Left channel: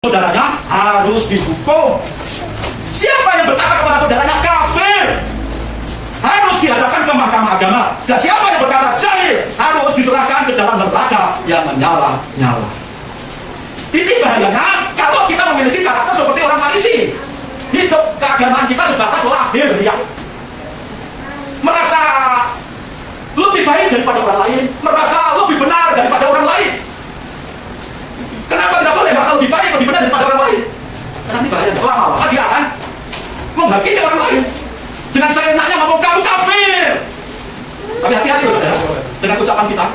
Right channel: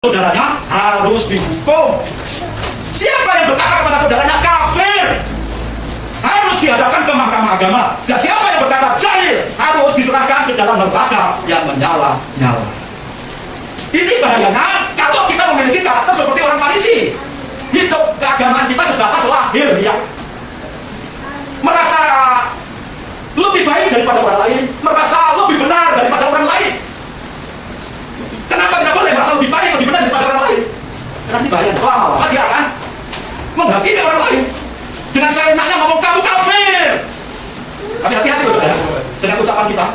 saudaranya harus dihukum. Siapa yang berkata kepada saudaranya kafir harus dihadapkan ke mahkamah agama. Dan siapa yang berkata jahil harus diserahkan ke dalam neraka yang menyala-nyala. Ini bahayanya kalau kita memiliki karakter seperti orang Farisi. Hidup keagamaan kita sebatas lahir ya, merasa lebih baik daripada orang lain, merasa lebih benar daripada orang lain. Kenapa tidak boleh merasa lebih baik, lebih benar daripada orang lain? Karena ini bahaya. Lama-lama dia akan menghakimi orang lain dengan seenaknya ngomong kamu kafir. Tapi hati-hati loh saudara dengan ucapan kita.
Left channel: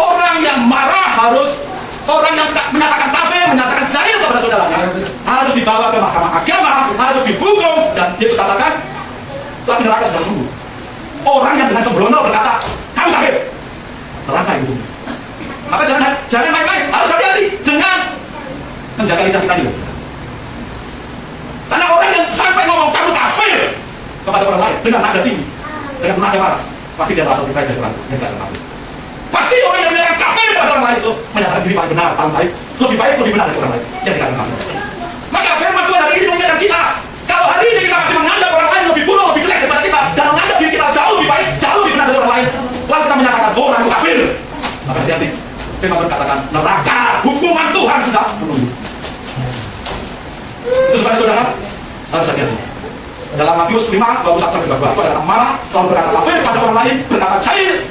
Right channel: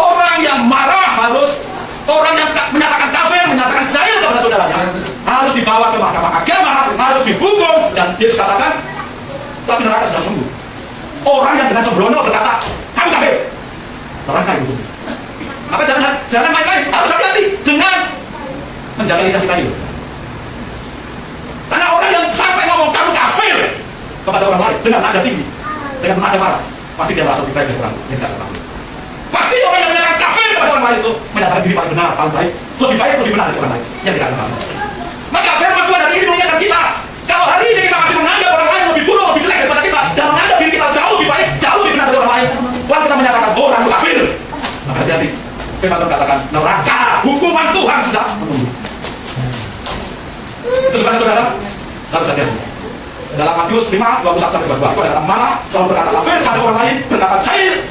Orang yang marah harus, orang yang menyatakan kafir, menyatakan jahil kepada saudaranya harus dibawa ke mahkamah agama, harus dihukum, dan Yesus katakan tapi neraka sedang tunggu. Orang yang dengan sembrono berkata kamu kafir, neraka itu. Maka jangan main-main, harus hati-hati dengan menjaga lidah kita ini. Karena orang yang sampai ngomong kamu kafir kepada orang lain dengan nada tinggi, dengan nada marah, pasti dia merasa lebih baik dari orang yang tidak kafir. Pasti orang yang menyatakan kafir kepada orang lain itu menyatakan diri paling benar, paling baik, lebih benar dari orang lain yang tidak kafir. Maka firman Tuhan hari ini mengingatkan kita, kalau hari ini kita masih menganggap orang lain lebih buruk, lebih jelek daripada kita, dan menganggap diri kita jauh lebih baik, jauh lebih benar dari orang lain, lalu kita menyatakan orang itu kafir, maka hati-hati. Firman Tuhan katakan neraka, hukuman Tuhan sudah menunggu. Itu sebenarnya saudara harus hati-hati. Dalam Matius 5:21-22 itu ada marah, lalu berkata kafir pada orang lain, berkata jahil.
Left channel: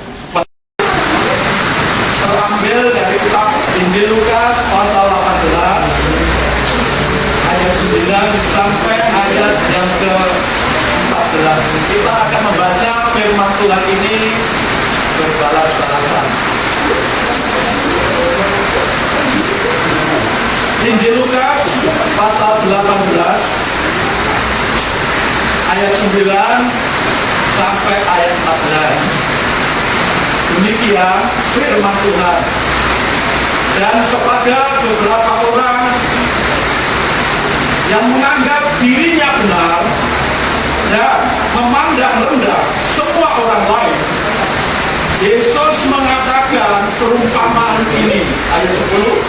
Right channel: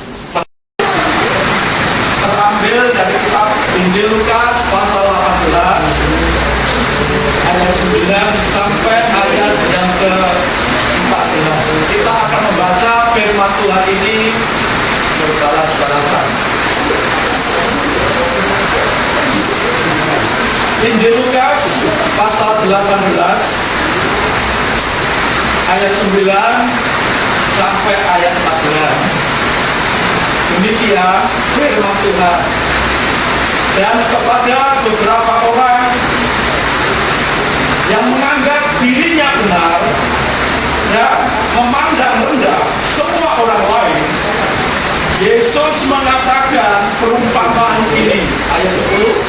Terambil dari kitab Injil Lukas pasal 18 ayat 9 sampai ayat yang ke-14. Kita akan membaca firman Tuhan ini berbalas-balasan. Injil Lukas pasal 18 ayat 9 sampai ayat 14. Demikian firman Tuhan. Dan kepada beberapa orang yang menganggap dirinya benar dan memandang rendah semua orang lain, Yesus mengatakan perumpamaan ini. Ayat 10.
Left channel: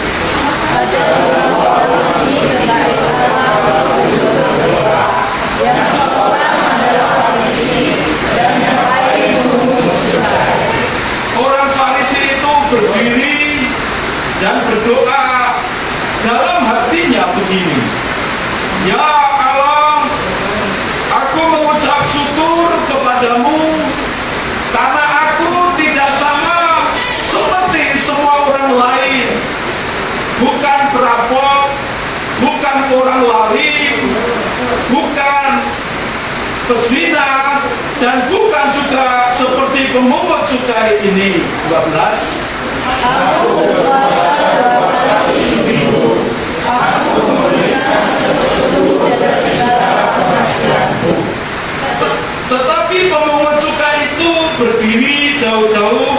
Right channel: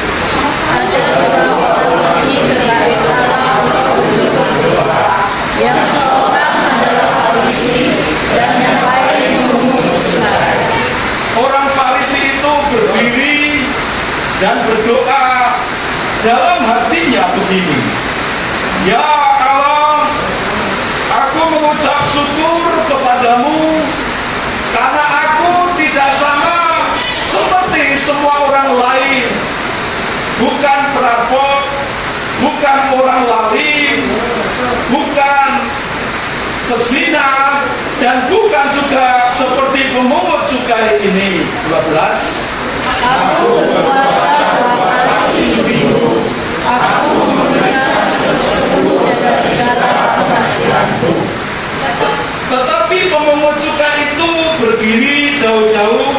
Yang seorang adalah Farisi dan yang lain memungut cukai. Orang Farisi itu berdiri dan berdoa dalam hatinya begini, ya Allah, aku mengucap syukur kepadamu karena aku tidak sama seperti semua orang lain, bukan perampok, bukan orang lari, bukan pezina, dan bukan juga seperti pemungut cukai ini. 12. Aku berpuasa atas istrimu, aku memberikan seluruh dan segala penghasilanku. Tetapi pemungut cukai itu berdiri jauh-jauh,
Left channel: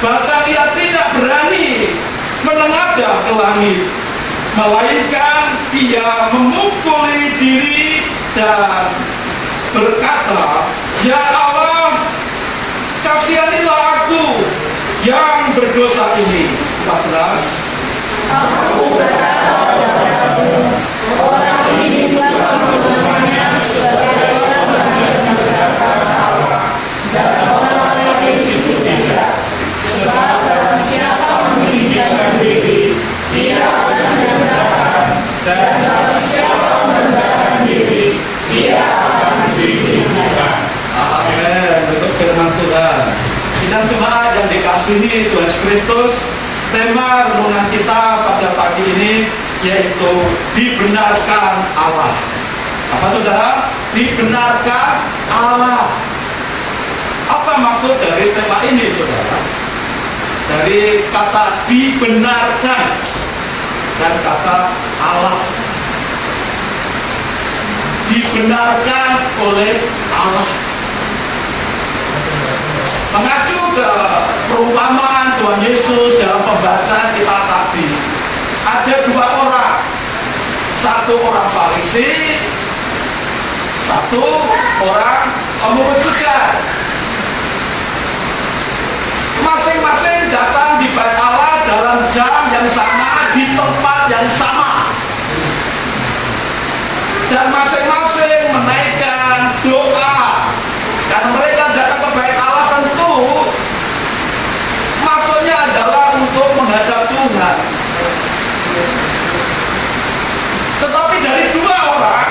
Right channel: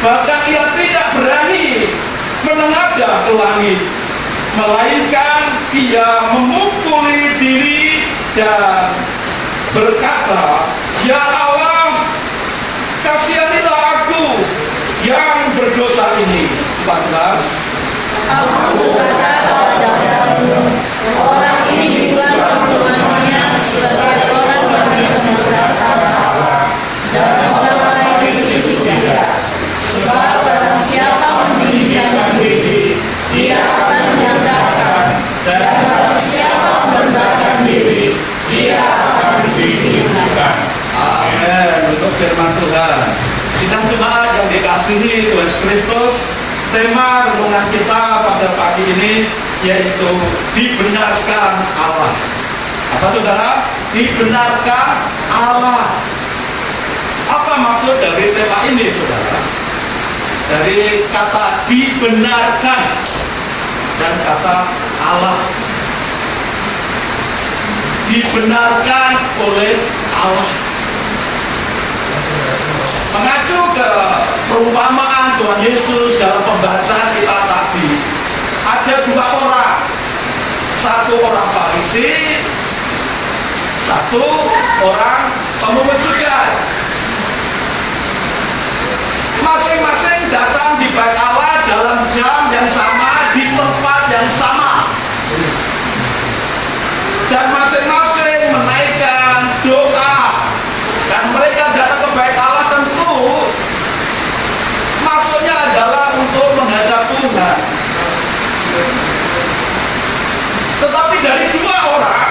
bahkan ia tidak berani menengadah ke langit, melainkan ia memukuli diri dan berkata, ya Allah, kasihanilah aku yang berdosa ini. 14. Aku berkata kepadamu, orang ini bukan mengakunya sebagai orang yang mendengarkan Allah, dan orang lain itu tidak. Sebab barang siapa meninggikan diri, dia akan merendahkan, dan barang siapa merendahkan diri, dia akan ditinggikan. Amin. Untuk firman Tuhan. Sidang jemaat yang dikasihi Tuhan Kristus, tema renungan kita pada pagi ini yaitu dibenarkan Allah. Apa saudara? Dibenarkan Allah. Apa maksud dari tema ini saudara? Dari kata dibenarkan dan kata Allah. Dibenarkan oleh Allah. Mengacu ke perumpamaan Tuhan Yesus dalam pembacaan kita tadi, ada dua orang, satu orang Farisi, satu orang pemungut cukai. Masing-masing datang di bait Allah dalam jam yang sama, di tempat yang sama, dan masing-masing menaikkan doa. Dan mereka datang ke bait Allah tentu maksudnya adalah untuk menghadap Tuhan. Tetapi dari dua orang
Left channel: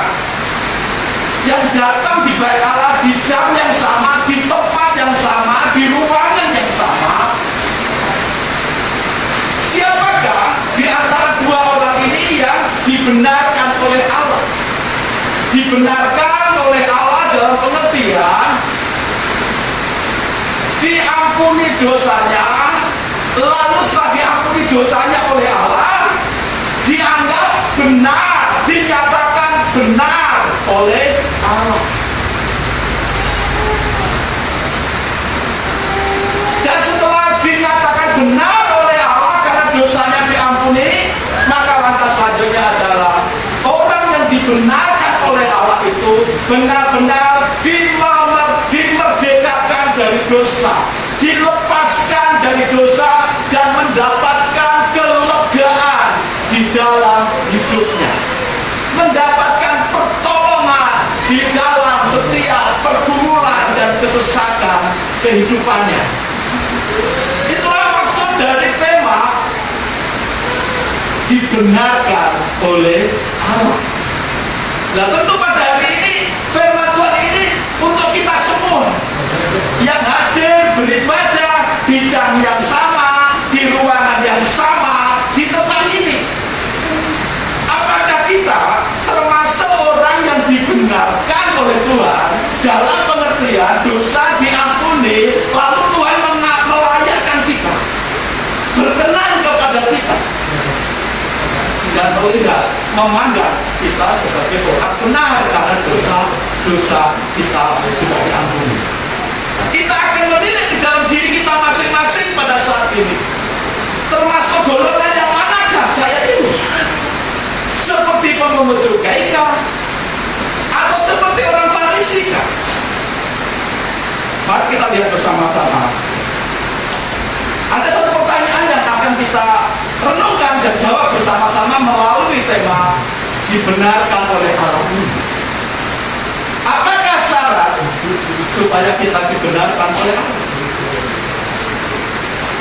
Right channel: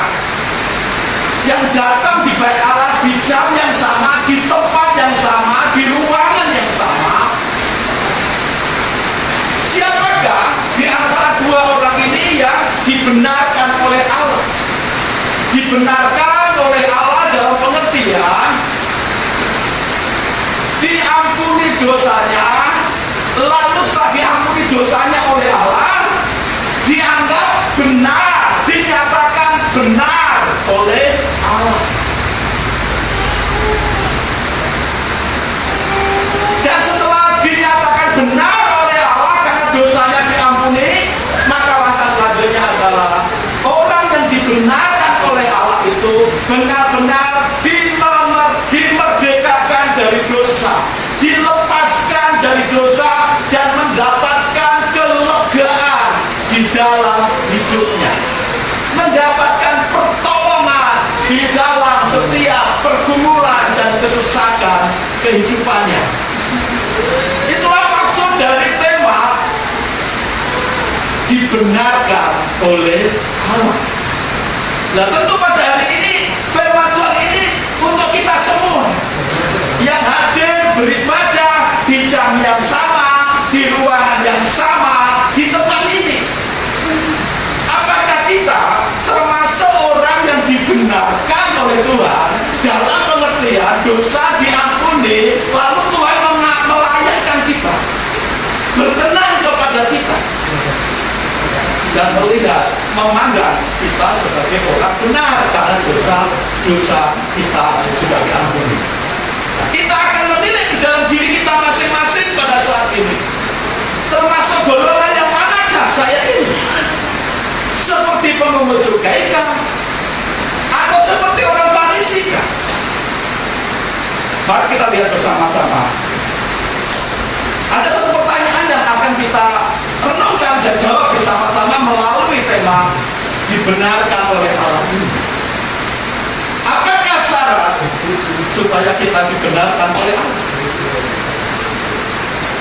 yang datang di bait Allah di jam yang sama, di tempat yang sama, di ruangan yang sama, siapakah di antara dua orang ini yang dibenarkan oleh Allah? Dibenarkan oleh Allah dalam pengertian diampuni dosanya, lalu setelah diampuni dosanya oleh Allah, dianggap benar, dinyatakan benar oleh Allah. Dan setelah dinyatakan benar oleh Allah karena dosanya diampuni, maka langkah selanjutnya adalah orang yang dibenarkan oleh Allah itu benar-benar dimerdekakan dari dosa, dilepaskan dari dosa, dan mendapatkan kelegaan di dalam hidupnya, mendapatkan pertolongan di dalam setiap pergumulan dan kesesakan kehidupannya. Itulah maksud dari tema dibenarkan oleh Allah. Nah, tentu pada hari ini firman Tuhan ini untuk kita semua yang hadir beribadah di jam yang sama, di ruangan yang sama, di tempat ini. Apakah kita termasuk orang yang dibenarkan oleh Tuhan dalam pengertian dosa diampuni, lalu Tuhan melayakkan kita, berkenan kepada kita, dan melihat, memandang kita sebagai orang benar karena dosa kita sudah diampuni. Kita akan menilai di dalam diri kita masing-masing pada saat ini, termasuk golongan yang manakah saya ini? Seperti pemungut cukai kah? Atau seperti orang Farisi kah? Mari kita lihat bersama-sama. Ada satu pertanyaan yang akan kita renungkan dan jawab bersama-sama melalui tema dibenarkan oleh Allah ini. Apakah syarat supaya kita dibenarkan oleh Allah?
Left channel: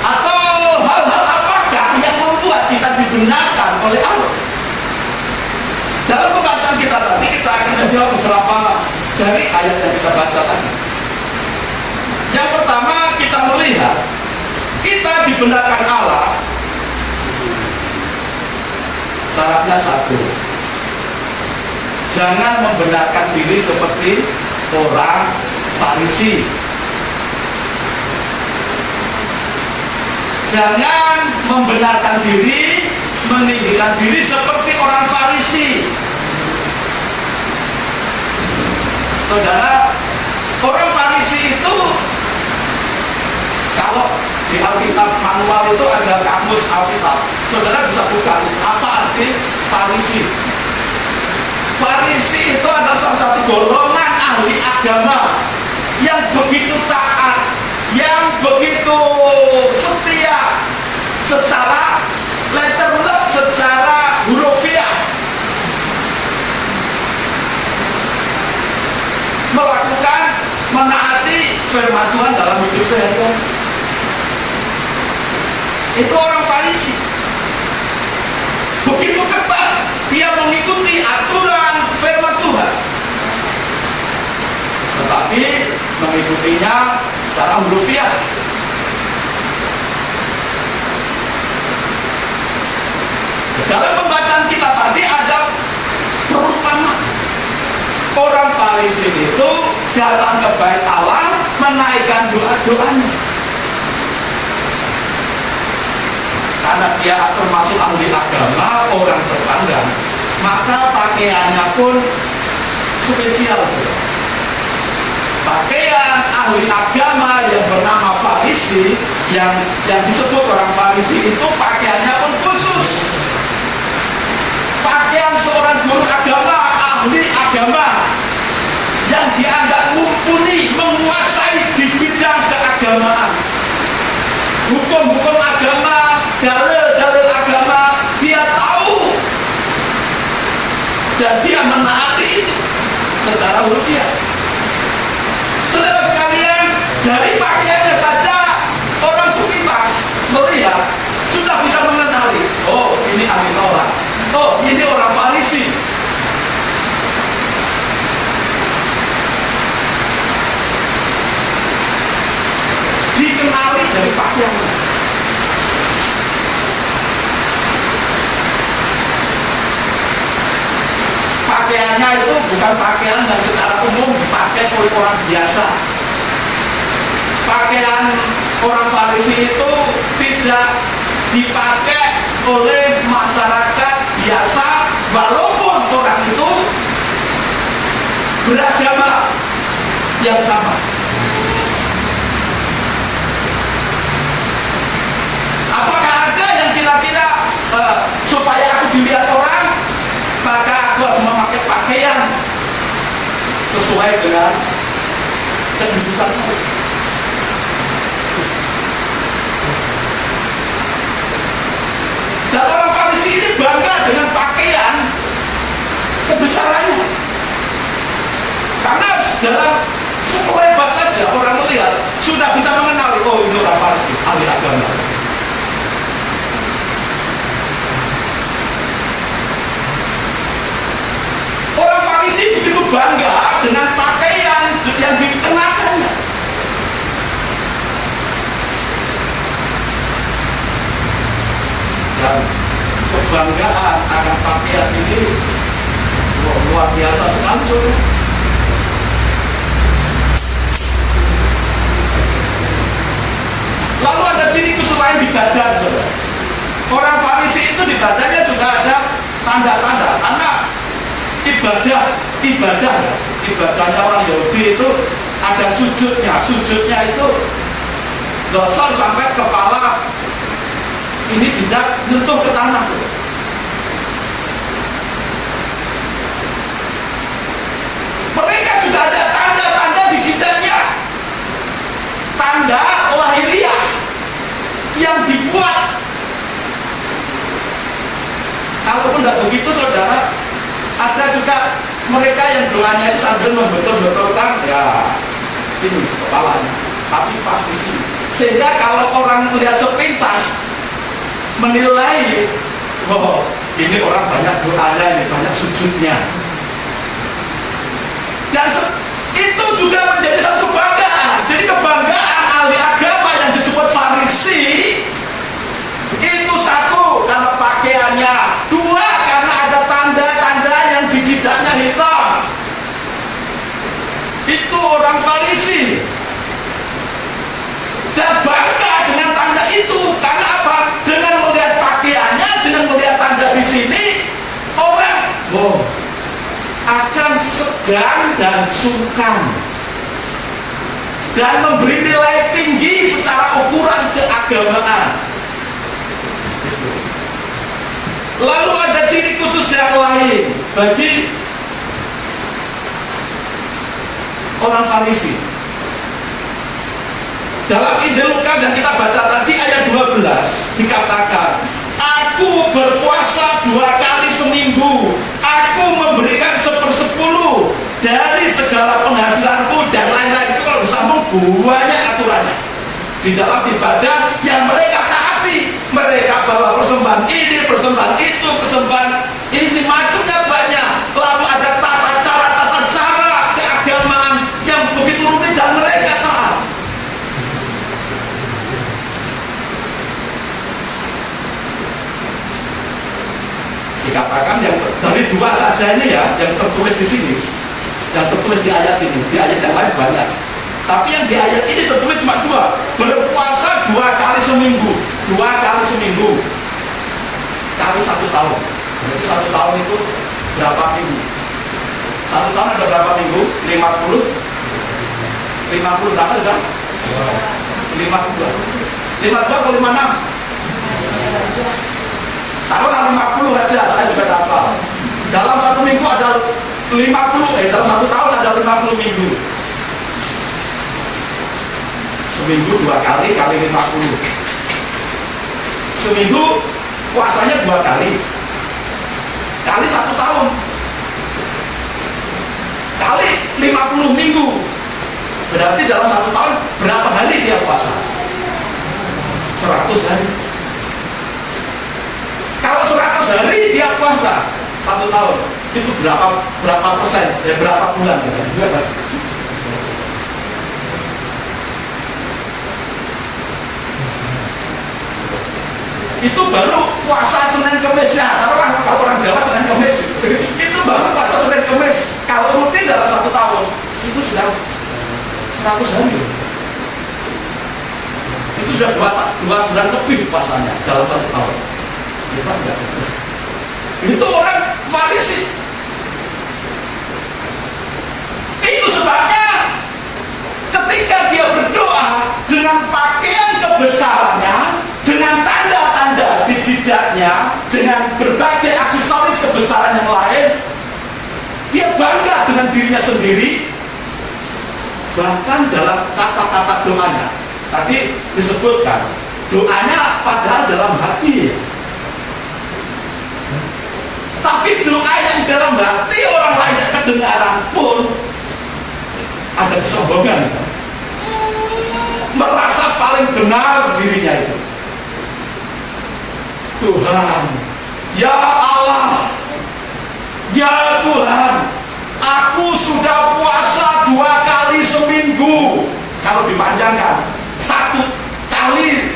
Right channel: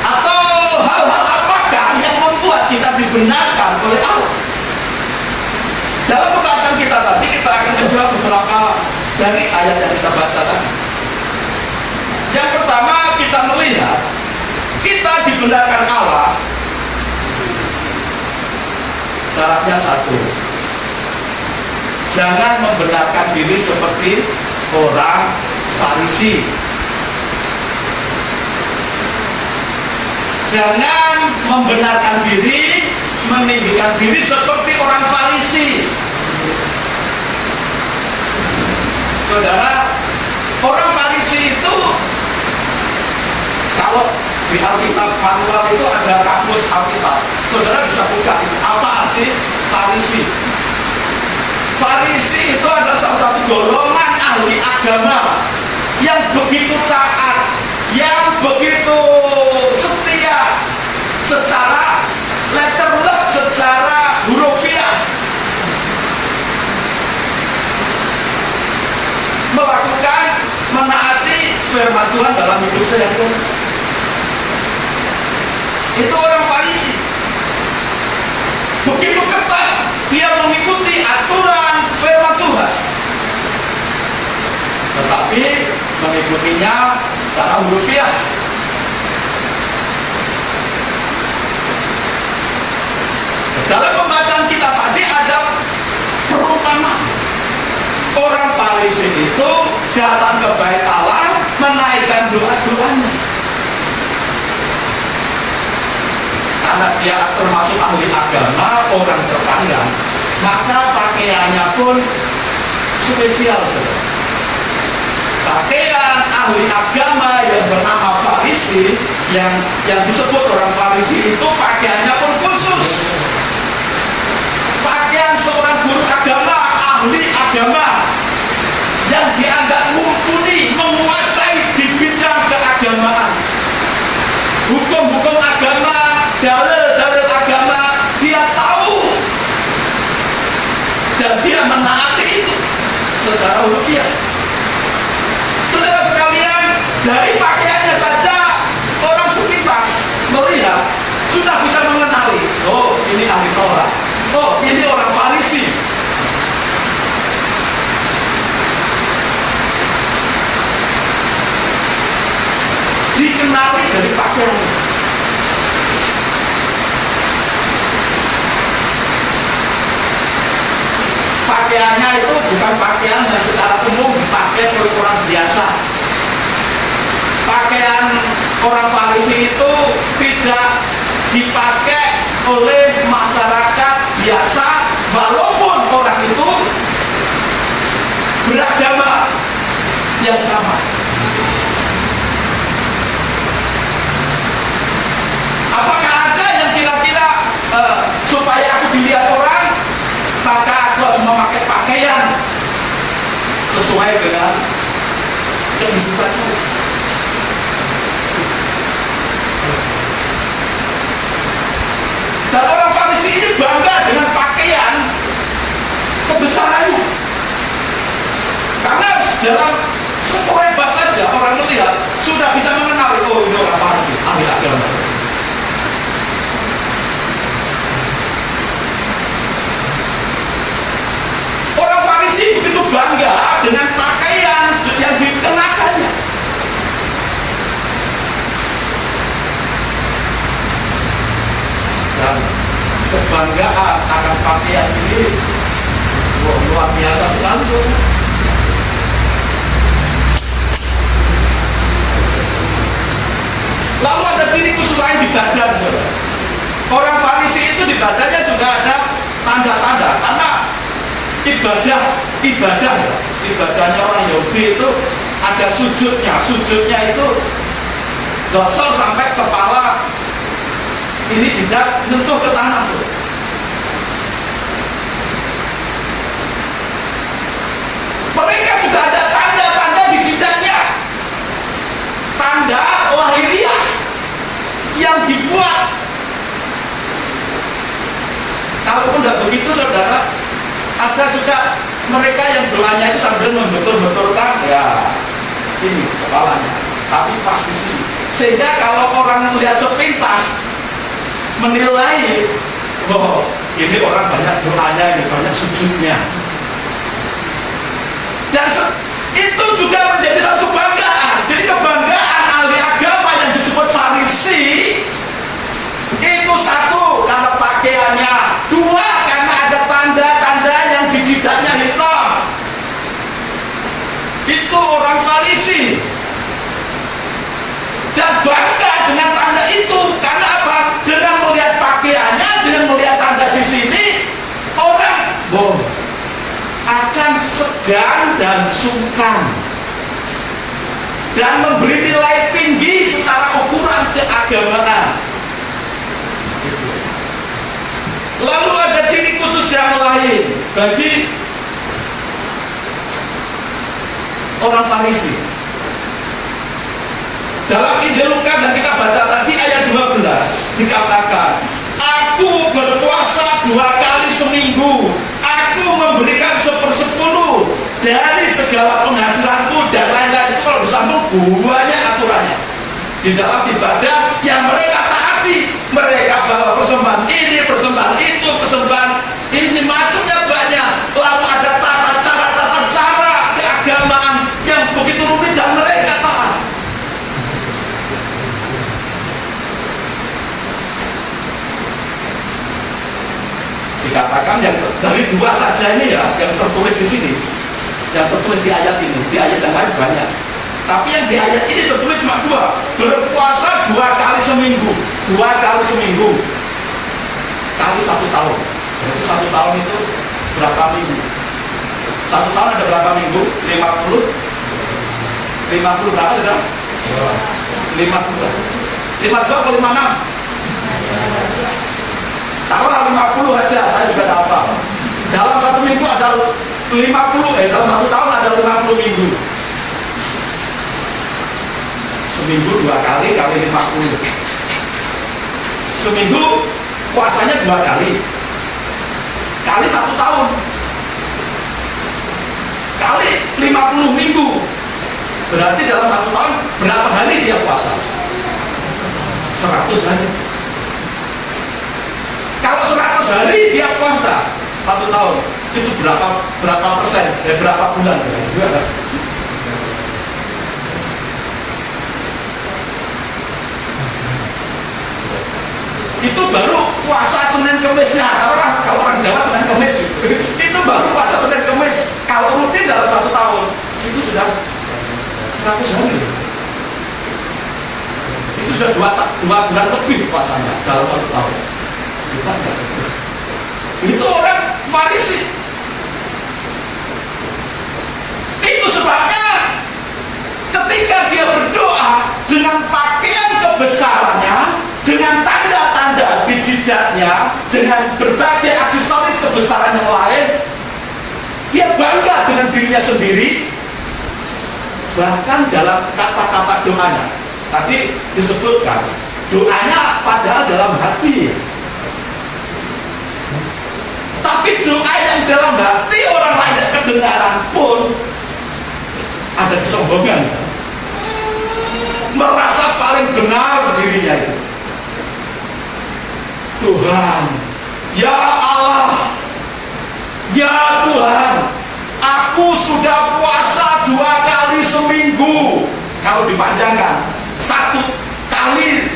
Atau hal-hal apakah yang membuat kita dibenarkan oleh Allah? Dalam pembacaan kita tadi, kita akan menjawab beberapa dari ayat yang kita baca tadi. Yang pertama, kita melihat kita dibenarkan Allah. Syaratnya satu, jangan membenarkan diri seperti orang Farisi. Jangan membenarkan diri, meninggikan diri seperti orang Farisi. Saudara, orang Farisi itu, kalau di Alkitab manual itu ada kamus Alkitab, saudara bisa buka apa arti Farisi. Farisi itu adalah salah satu golongan ahli agama yang begitu taat, yang begitu setia secara letterlet, secara hurufiah, melakukan, menaati firman Tuhan dalam hidup sehari-hari. Itu orang Farisi. Begitu ketat dia mengikuti aturan firman Tuhan, tetapi mengikutinya secara hurufiah. Dalam pembacaan kita tadi ada perumpamaan. Orang Farisi itu datang ke bait Allah menaikkan doa-doanya. Karena dia termasuk ahli agama, orang terpandang, maka pakaiannya pun spesial. Pakaian ahli agama yang bernama Farisi, yang disebut orang Farisi itu pakaiannya pun khusus. Pakaian seorang guru agama, ahli agama, yang dianggap mumpuni, menguasai di bidang keagamaan, hukum-hukum agama, dalil-dalil agama, dia tahu dan dia menaati itu secara hurufiah. Saudara sekalian, dari pakaiannya saja orang sepintas melihat sudah bisa mengenali, oh ini ahli Taurat, oh ini orang Farisi. Dikenali dari pakaiannya. Pakaiannya itu bukan pakaian yang secara umum dipakai oleh orang biasa. Pakaian orang Farisi itu tidak dipakai oleh masyarakat biasa, walaupun orang itu beragama yang sama. Apakah ada yang kira-kira supaya aku dilihat orang, maka aku harus memakai pakaian sesuai dengan kehidupan saya? Dan orang Farisi ini bangga dengan pakaian kebesarannya, karena dalam sekelebat saja orang melihat sudah bisa mengenali, oh ini orang Farisi, ahli agama. Orang Farisi begitu bangga dengan pakaian yang dikenakannya. Dan kebanggaan akan pakaian ini luar biasa sekali, saudara. Lalu ada ciri khusus lain di badan, saudara. Orang Farisi itu di badannya juga ada tanda-tanda, karena ibadahnya orang Yahudi itu ada sujudnya itu dosor sampai kepala ini tidak nyentuh ke tanah. Mereka juga ada tanda-tanda di jidatnya, tanda lahiriah yang dibuat. Kalaupun tidak begitu, saudara, ada juga mereka yang doanya itu sambil membetul-betulkan, ya ini kepalanya, tapi pas di sini, sehingga kalau orang melihat sepintas menilai, oh ini orang banyak doanya, ini banyak sujudnya. Dan itu juga menjadi satu kebanggaan. Jadi kebanggaan ahli agama yang disebut Farisi itu satu, karena pakaiannya; dua, karena ada tanda-tanda yang di jidatnya hitam. Itu orang Farisi. Dan bangga dengan tanda itu, karena apa? Dengan melihat pakaiannya, dengan melihat tanda di sini, orang akan segan dan sungkan dan memberi nilai tinggi secara ukuran keagamaan. Lalu ada ciri khusus yang lain bagi orang Farisi. Dalam Injil Lukas yang kita baca tadi ayat 12 dikatakan, aku berpuasa 2 kali seminggu, aku memberikan 1/10 dari segala penghasilanku, dan lain-lain. Itu kalau disambung banyak aturannya di dalam ibadah yang mereka taati. Mereka bawa persembahan ini, persembahan itu, persembahan ini, macamnya banyak. Lalu ada tata cara keagamaan yang begitu rumit dan mereka taat. Dikatakan yang dari 2 saja ini ya, yang tertulis di sini, yang tertulis di ayat ini, di ayat yang lain banyak. Tapi yang di ayat ini tertulis cuma 2. Berpuasa 2 kali seminggu, 2 kali seminggu, kali 1 tahun. Berarti 1 tahun itu berapa minggu? 1 tahun ada berapa minggu? 50 berapa juga? 52 atau 56? Taruhlah 50 aja, saya juga hafal. Dalam 1 minggu ada 50, dalam 1 tahun ada 50 minggu. Seminggu 2 kali, kali 50. Seminggu puasanya 2 kali, kali 1 tahun. kita puasa 1 tahun itu berapa persen, ya berapa bulan ya? Itu baru puasa Senin Kemisnya. Kalau orang Jawa Senin Kemis itu baru puasa Senin Kemis. Kalau rutin dalam 1 tahun itu sudah 100 hari. Itu sudah 2 bulan lebih puasanya dalam 1 tahun. Kita tidak sebut. Itu orang Farisi. Itu sebabnya ketika dia berdoa dengan pakaian kebesarannya, dengan tanda-tanda di jidatnya, dengan berbagai aksesoris kebesaran yang lain, dia bangga dengan dirinya sendiri. Bahkan dalam kata-kata doanya tadi disebutkan, doanya padahal dalam hati, tapi doa yang dalam hati orang lain tidak kedengaran pun ada kesombongan, merasa paling benar dirinya itu. Tuhan, ya Allah, ya Tuhan, aku sudah puasa 2 kali seminggu. Kalau dipanjangkan 1 kali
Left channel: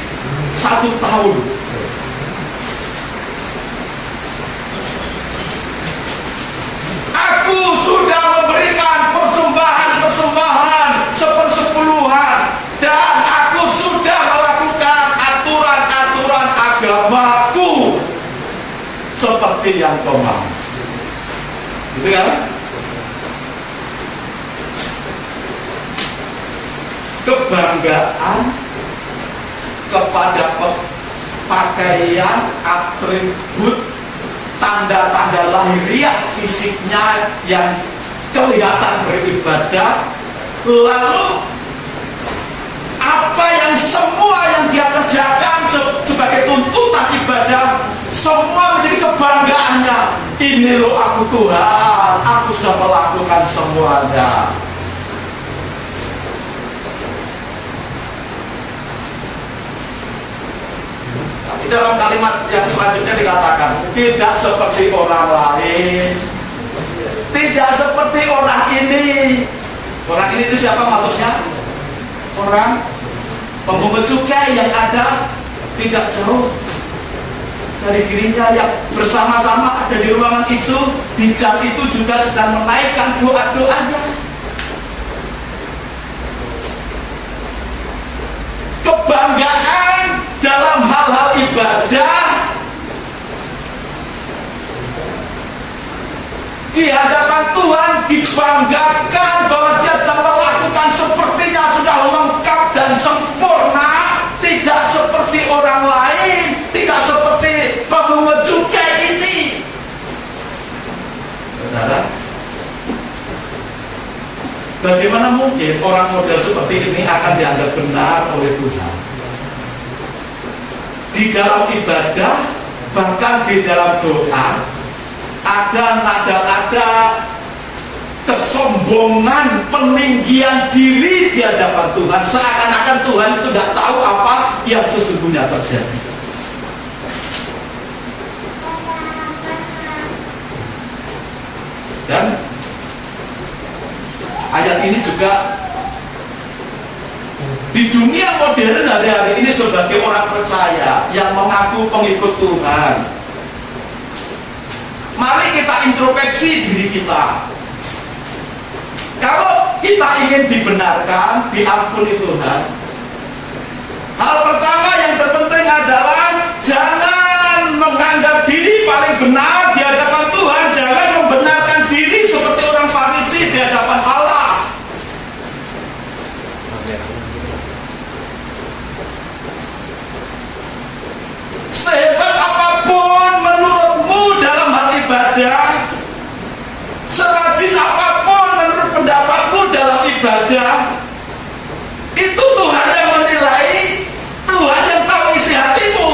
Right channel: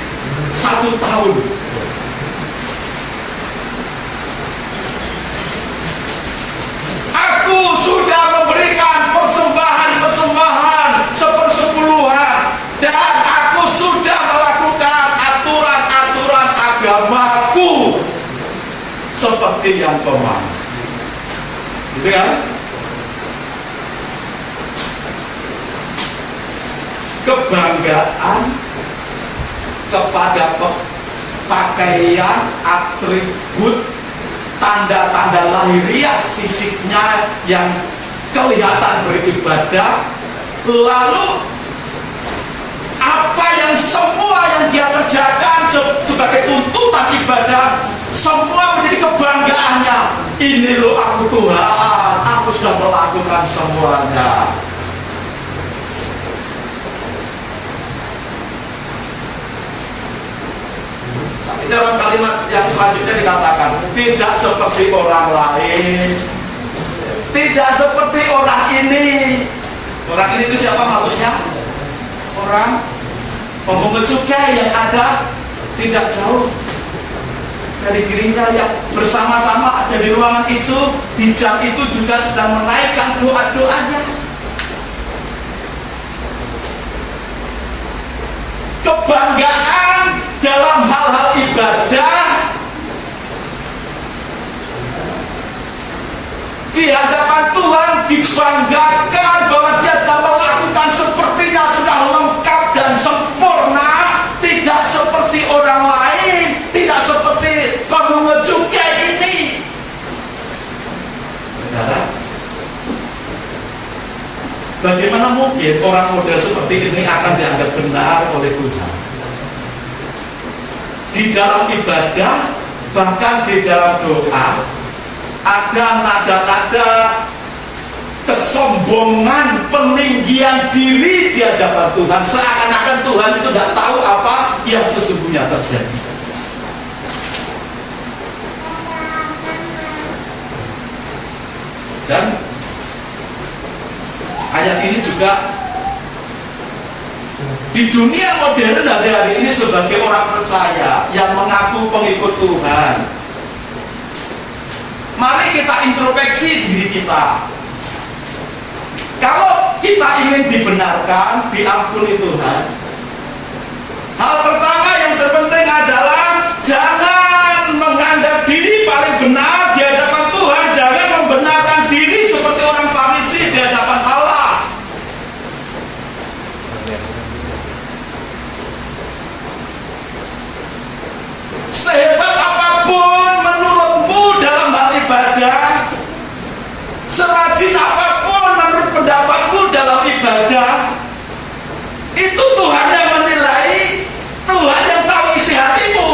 1 tahun. Aku sudah memberikan persembahan 1/10 dan aku sudah melakukan aturan-aturan agamaku seperti yang kau mau. Gitu kan? Kebanggaan kepada pakaian, atribut, tanda-tanda lahiriah fisiknya yang kelihatan beribadah, lalu apa yang semua yang dia kerjakan sebagai tuntutan ibadah, semua menjadi kebanggaannya. Ini loh aku Tuhan, aku sudah melakukan semuanya. Tapi dalam kalimat yang selanjutnya dikatakan, tidak seperti orang lain, tidak seperti orang ini. Orang ini itu siapa maksudnya? Orang penghukum cukai yang ada tidak jauh dari dirinya, yang bersama-sama ada di ruangan itu, di jam itu juga sedang menaikkan doa-doanya. Kebanggaan dalam hal-hal ibadah di hadapan Tuhan, dibanggakan bahwa dia telah melakukan sepertinya sudah lengkap dan sempurna, tidak seperti orang lain, tidak seperti pemungut cukai ini. Saudara, bagaimana mungkin orang model seperti ini akan dianggap benar oleh Tuhan? Di dalam ibadah, bahkan di dalam doa, ada nada-nada kesombongan, peninggian diri di hadapan Tuhan, seakan-akan Tuhan itu tidak tahu apa yang sesungguhnya terjadi. Dan ayat ini juga di dunia modern hari-hari ini sebagai orang percaya yang mengaku pengikut Tuhan, mari kita introspeksi diri kita. Kalau kita ingin dibenarkan, diampuni Tuhan, hal pertama yang terpenting adalah jangan menganggap diri paling benar di hadapan Tuhan. Jangan membenarkan diri seperti orang Farisi di hadapan Allah. Sehebat apapun menurutmu dalam hal ibadah, serajin apapun menurut pendapatmu dalam ibadah, itu Tuhan yang menilai, Tuhan yang tahu isi hatimu.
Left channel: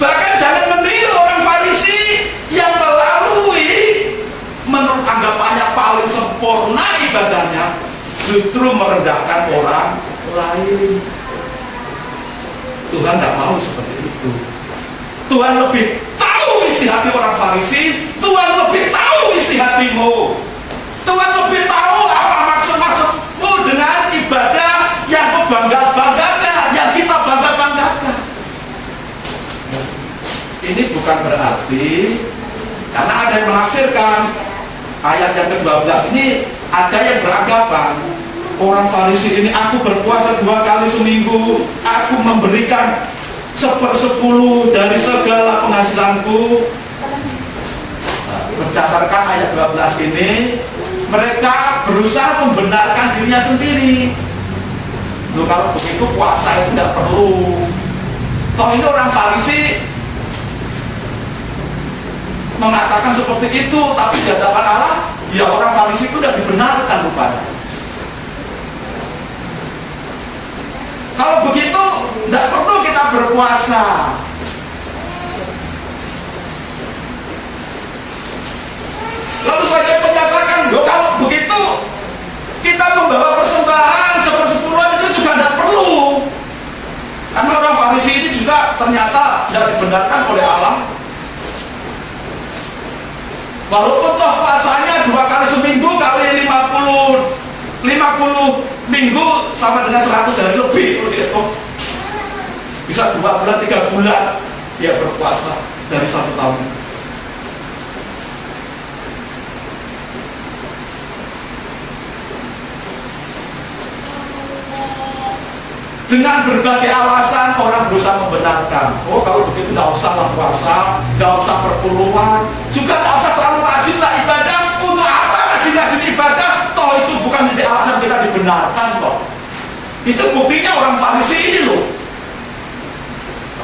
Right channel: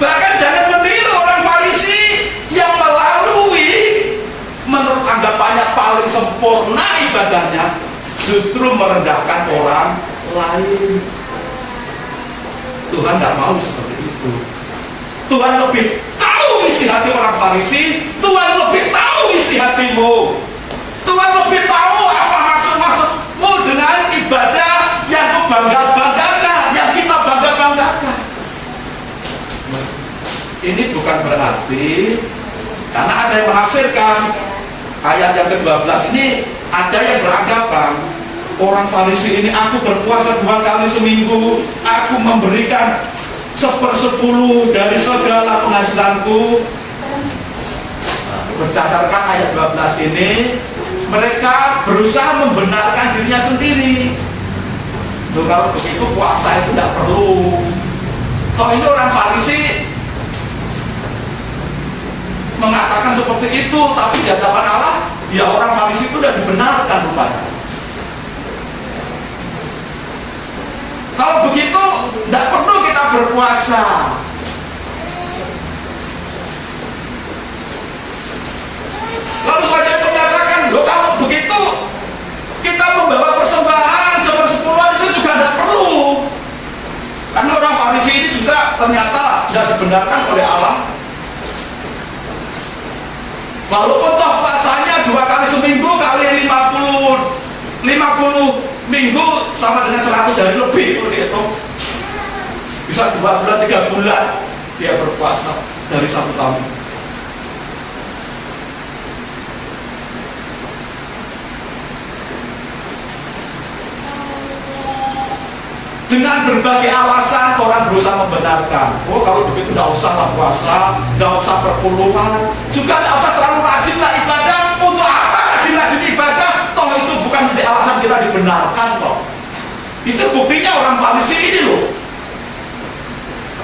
Bahkan jangan meniru orang Farisi yang melalui menurut anggapannya paling sempurna ibadahnya, justru merendahkan orang lain. Tuhan tidak mau seperti itu. Tuhan lebih tahu isi hati orang Farisi. Tuhan lebih tahu isi hatimu. Tuhan lebih tahu apa maksud-maksudmu dengan ibadah yang kau bangga-banggakan, yang kita bangga-banggakan. Ini bukan berarti, karena ada yang menafsirkan ayat yang ke-12 ini, ada yang beranggapan orang Farisi ini, aku berpuasa 2 kali seminggu, aku memberikan 1/10 dari segala penghasilanku. Berdasarkan ayat 12 ini, mereka berusaha membenarkan dirinya sendiri. Loh, kalau begitu puasa itu tidak perlu. Toh ini orang Farisi mengatakan seperti itu, tapi di hadapan Allah, ya orang Farisi itu tidak dibenarkan rupanya. Kalau begitu, tidak perlu kita berpuasa. Lalu saya menyatakan, loh kalau begitu, kita membawa persembahan 1/10 itu juga tidak perlu. Karena orang Farisi ini juga ternyata tidak dibenarkan oleh Allah. Walaupun toh puasanya 2 kali seminggu kali 50 minggu sama dengan 100 hari lebih, kalau dihitung bisa 2 bulan 3 bulan dia berpuasa dari 1 tahun. Dengan berbagai alasan orang berusaha membenarkan. Oh kalau begitu tidak usahlah puasa, tidak usah perpuluhan, juga tidak usah terlalu rajin lah ibadah. Untuk apa rajin-rajin ibadah? Toh itu bukan menjadi alasan kita dibenarkan kok. Itu buktinya orang Farisi ini loh.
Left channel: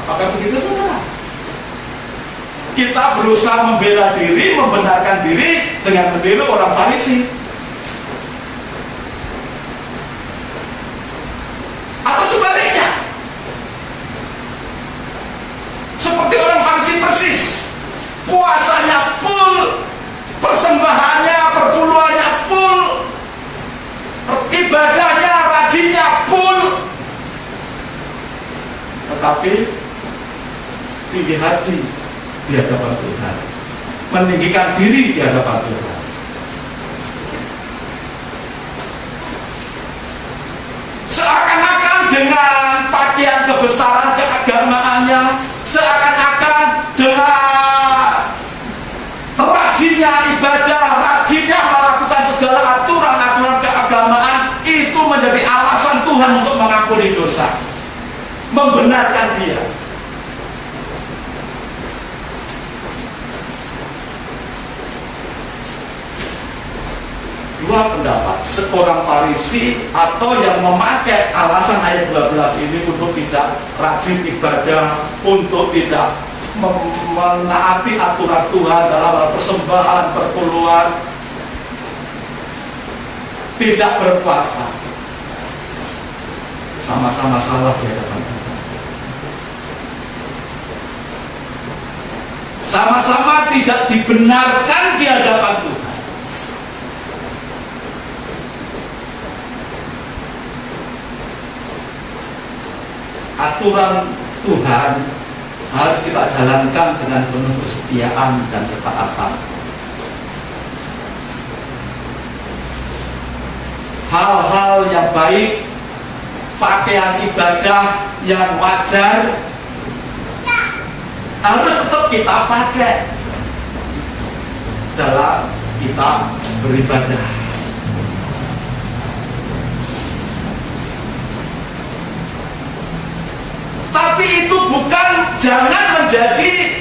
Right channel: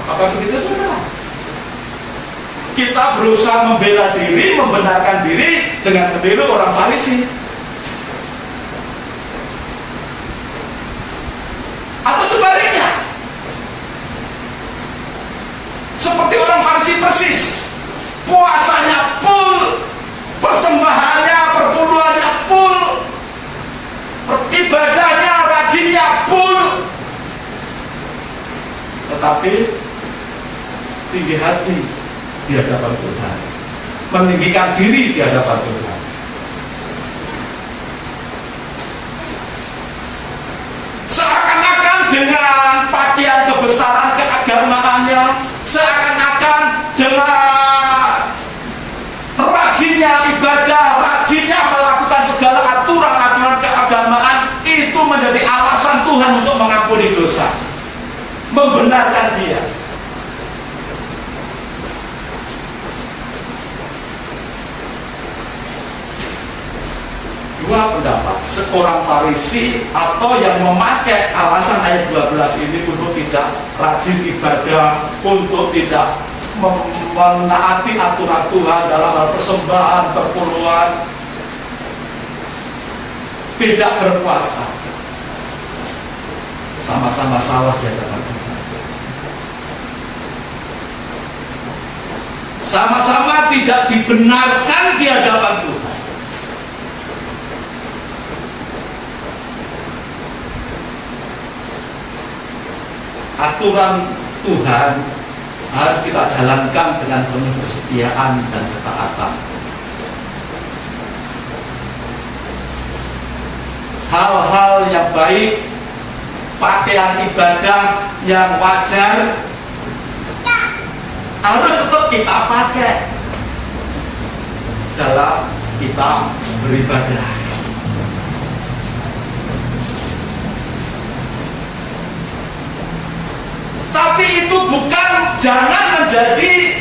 Apakah begitu saudara? Kita berusaha membela diri, membenarkan diri dengan meniru orang Farisi. Atau sebaliknya, seperti orang Farisi persis, puasanya full, persembahannya, perpuluhannya full, ibadahnya, rajinnya full, tetapi tinggi hati di hadapan Tuhan, meninggikan diri di hadapan Tuhan. Seakan-akan dengan pakaian kebesaran keagamaannya, seakan-akan dengan rajinnya ibadah, rajinnya melakukan segala aturan-aturan keagamaan, itu menjadi alasan Tuhan untuk mengampuni dosa, membenarkan dia. Dua pendapat, seorang Farisi atau yang memakai alasan ayat 12 ini untuk tidak rajin ibadah, untuk tidak menaati aturan Tuhan dalam hal persembahan, perpuluhan, tidak berpuasa, sama-sama salah di hadapan Tuhan. Sama-sama tidak dibenarkan di hadapan Tuhan. Aturan Tuhan harus kita jalankan dengan penuh kesetiaan dan ketaatan. Hal-hal yang baik, pakaian ibadah yang wajar harus tetap kita pakai dalam kita beribadah. Tapi itu bukan, jangan menjadi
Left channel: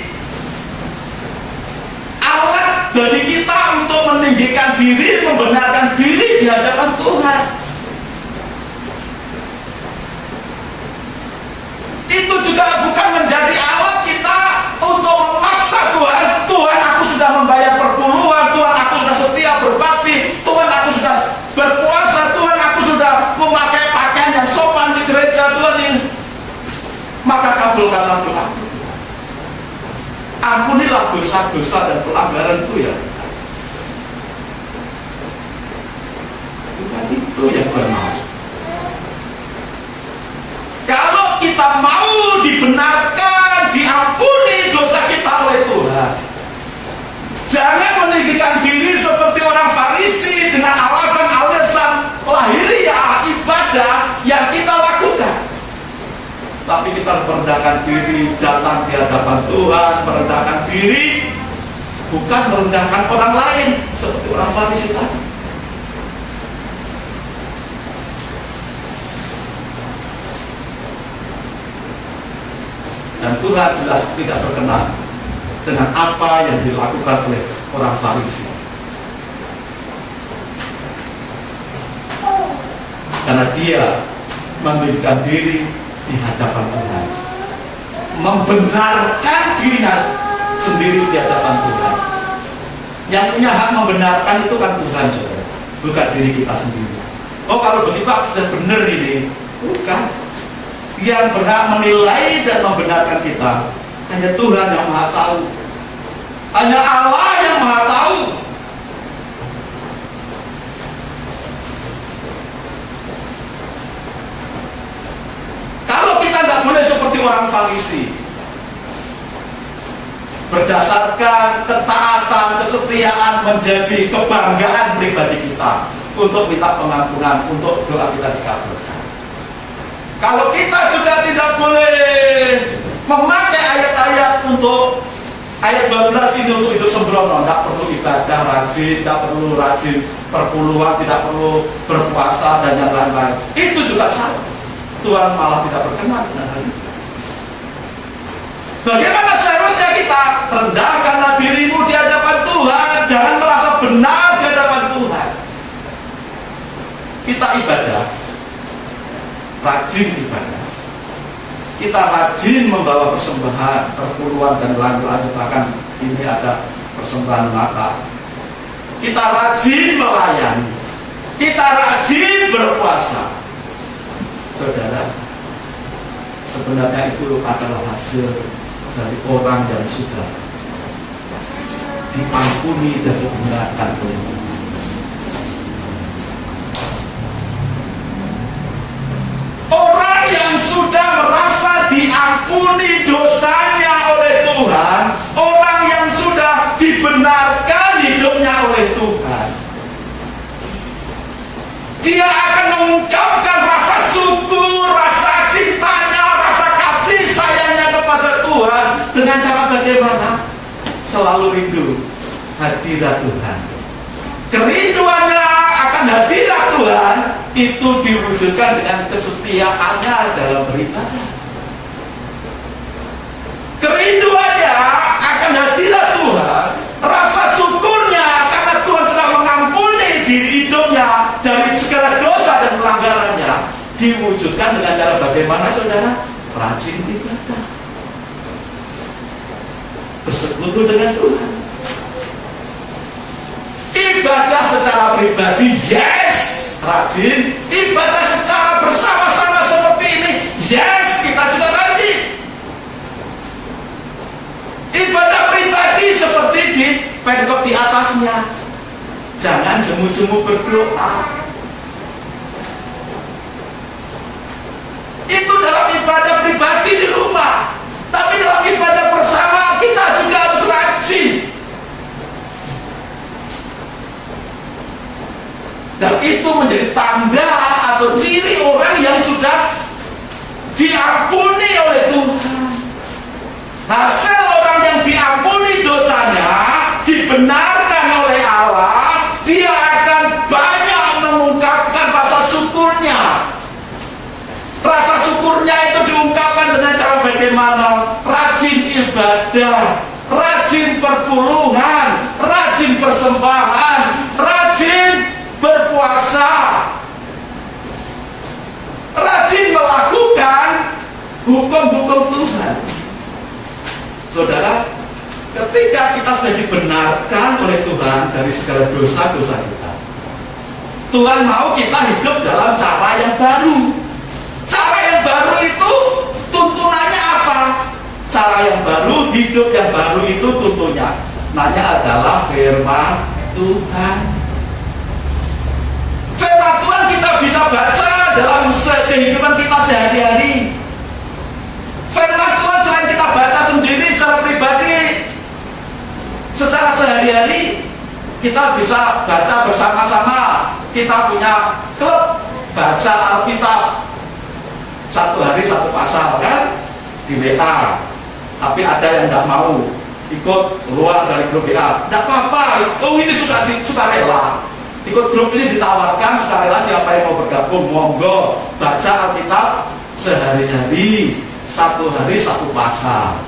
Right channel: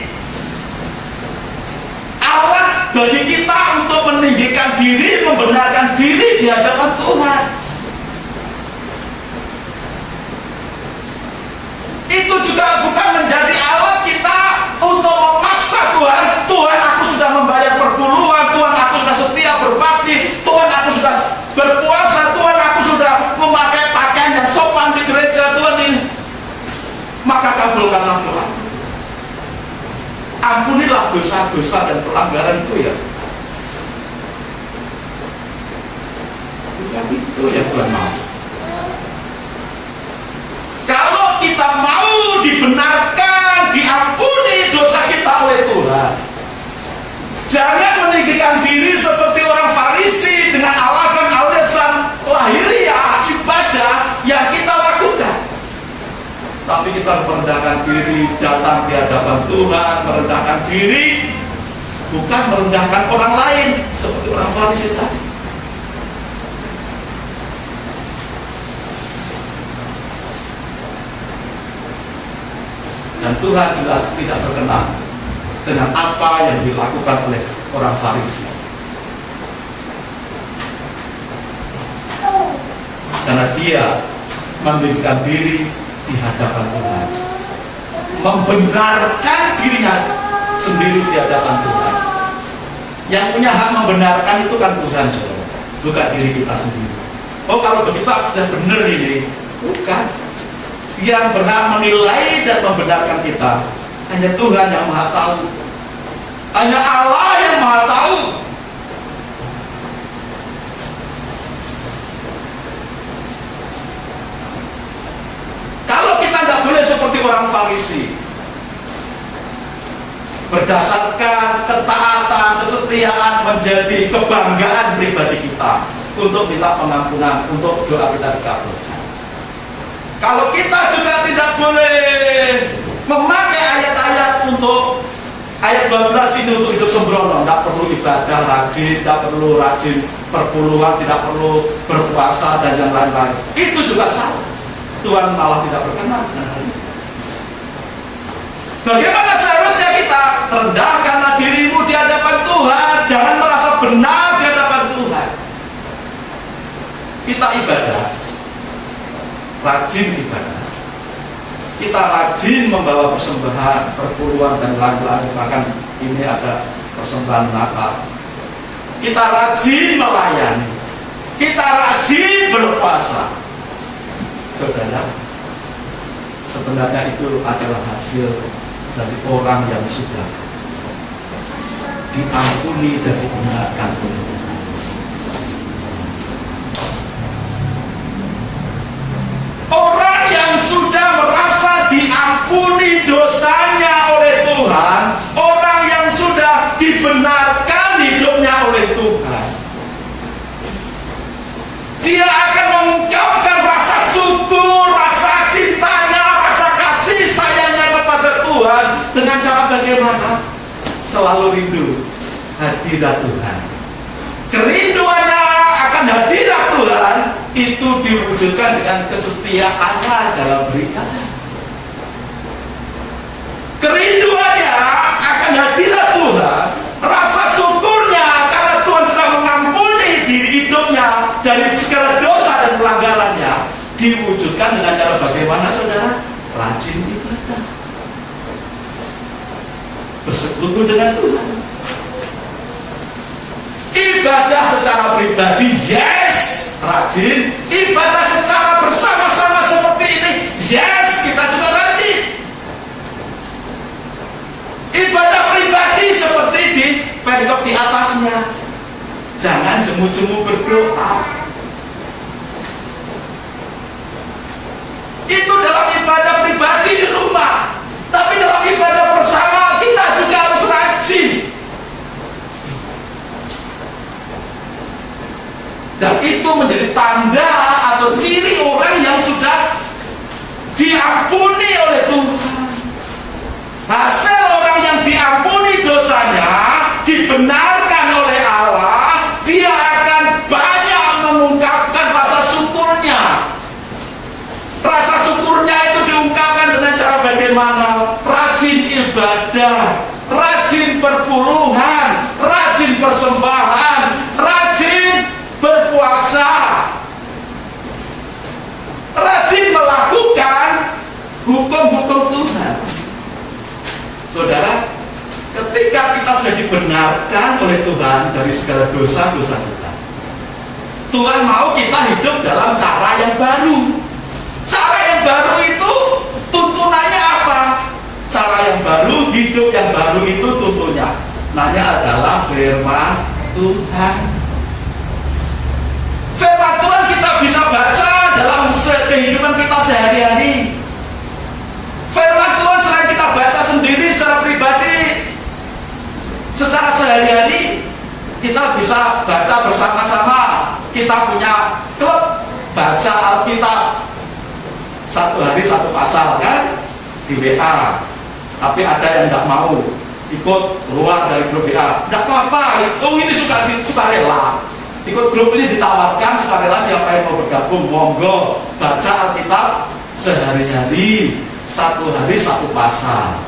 alat bagi kita untuk meninggikan diri, membenarkan diri di hadapan Tuhan. Itu juga bukan menjadi alat kita untuk memaksa Tuhan. Tuhan, aku sudah membayar perpuluhan, Tuhan, aku sudah setia berbakti, Tuhan, aku sudah berpuasa, Tuhan, aku sudah memakai pakaian yang sopan di gereja, Tuhan ini. Maka kabulkanlah Tuhan. Ampunilah dosa-dosa dan pelanggaran itu ya. Bukan itu yang Tuhan mau. Kalau kita mau kita merendahkan diri, datang di hadapan Tuhan, merendahkan diri, bukan merendahkan orang lain seperti orang Farisi tadi. Dan Tuhan jelas tidak berkenan dengan apa yang dilakukan oleh orang Farisi. Karena dia memberikan diri di hadapan Tuhan, membenarkan dirinya sendiri di hadapan Tuhan. Yang punya hak membenarkan itu kan Tuhan, saudara, bukan diri kita sendiri. Oh, kalau begitu aku sudah benar ini, bukan. Yang berhak menilai dan membenarkan kita hanya Tuhan yang Maha Tahu, hanya Allah yang Maha Tahu. Kalau kita tidak boleh seperti orang Farisi, berdasarkan ketaatan, kesetiaan menjadi kebanggaan pribadi kita untuk minta pengampunan, untuk doa kita dikabulkan. Kalau kita juga tidak boleh memakai ayat-ayat untuk ayat 12 ini untuk hidup sembrono, tidak perlu ibadah rajin, tidak perlu rajin perpuluhan, tidak perlu berpuasa dan yang lain-lain, itu juga salah. Tuhan malah tidak berkenan dengan hal itu. Bagaimana seharusnya kita? Rendahkanlah dirimu di hadapan Tuhan, jangan merasa benar di hadapan Tuhan. Kita ibadah, rajin ibadah, kita rajin membawa persembahan, perpuluhan dan lain-lain. Bahkan ini ada persembahan Natal. Kita rajin melayani, kita rajin berpuasa. Saudara, sebenarnya itu adalah hasil dari orang yang sudah diampuni dan dibenarkan oleh Tuhan. Orang yang sudah merasa diampuni dosanya oleh Tuhan, orang yang sudah dibenarkan hidupnya oleh Tuhan, dia akan mengungkapkan rasa syukur, rasa cintanya, rasa kasih sayangnya kepada Tuhan dengan cara bagaimana? Selalu rindu hadirat Tuhan. Kerinduannya akan hadirat Tuhan itu diwujudkan dengan kesetiaannya dalam beribadah. Kerinduannya akan hadirat Tuhan, rasa syukurnya karena Tuhan sudah mengampuni diri hidupnya dari segala dosa dan pelanggarannya, diwujudkan dengan cara bagaimana, saudara? Rajin ibadah, bersekutu dengan Tuhan. Ibadah secara pribadi, yes, rajin. Ibadah secara bersama-sama seperti ini, yes, kita juga rajin. Ibadah pribadi seperti di penkop di atasnya, jangan jemu-jemu berdoa. Itu dalam ibadah pribadi di rumah. Tapi dalam ibadah bersama kita juga harus rajin. Dan itu menjadi tanda atau ciri orang yang sudah diampuni oleh Tuhan. Hasil orang yang diampuni dosanya, dibenarkan oleh Allah, dia akan banyak mengungkapkan rasa syukurnya. Rasa syukurnya itu diungkapkan dengan cara bagaimana? Rajin ibadah, rajin perpuluhan, rajin persembahan, rajin berpuasa, rajin melakukan hukum-hukum Tuhan. Saudara, ketika kita sudah dibenarkan oleh Tuhan dari segala dosa-dosa kita, Tuhan mau kita hidup dalam cara yang baru. Cara yang baru itu tuntunannya apa? Cara yang baru, hidup yang baru itu tuntunnya adalah firman Tuhan. Firman Tuhan kita bisa baca dalam kehidupan kita sehari-hari. Firman Tuhan selain kita baca sendiri secara pribadi, secara sehari-hari kita bisa baca bersama-sama. Kita punya klub baca Alkitab, satu hari satu pasal, kan? di WA, tapi ada yang nggak mau ikut keluar dari grup WA, nggak apa-apa. Oh, ini suka rela ikut grup ini, ditawarkan suka rela, siapa yang mau bergabung monggo, baca Alkitab sehari-hari, satu hari satu pasal.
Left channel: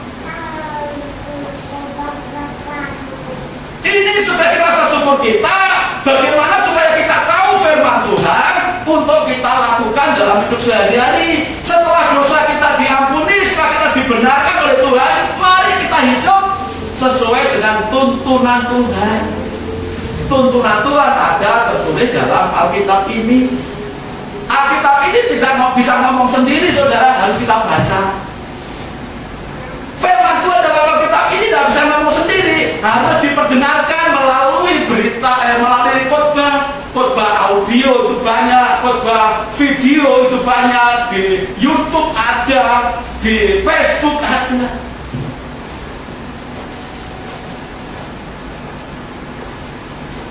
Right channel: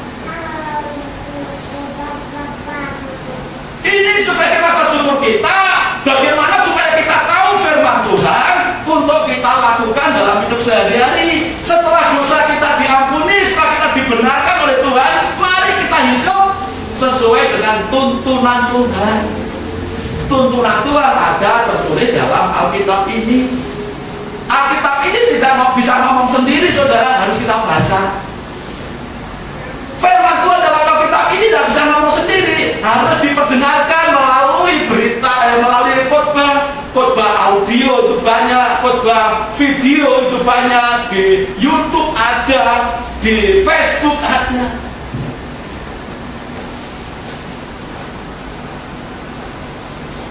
Ini sebagai rasa syukur kita, bagaimana supaya kita tahu firman Tuhan untuk kita lakukan dalam hidup sehari-hari. Setelah dosa kita diampuni, setelah kita dibenarkan oleh Tuhan, mari kita hidup sesuai dengan tuntunan Tuhan. Tuntunan Tuhan ada tertulis dalam Alkitab ini. Alkitab ini tidak bisa ngomong sendiri, saudara, harus kita baca. Firman Tuhan dalam Alkitab ini tidak bisa ngomong sendiri, harus diperdengarkan melalui berita, melalui khotbah audio itu banyak, khotbah video itu banyak, di YouTube ada, di Facebook ada.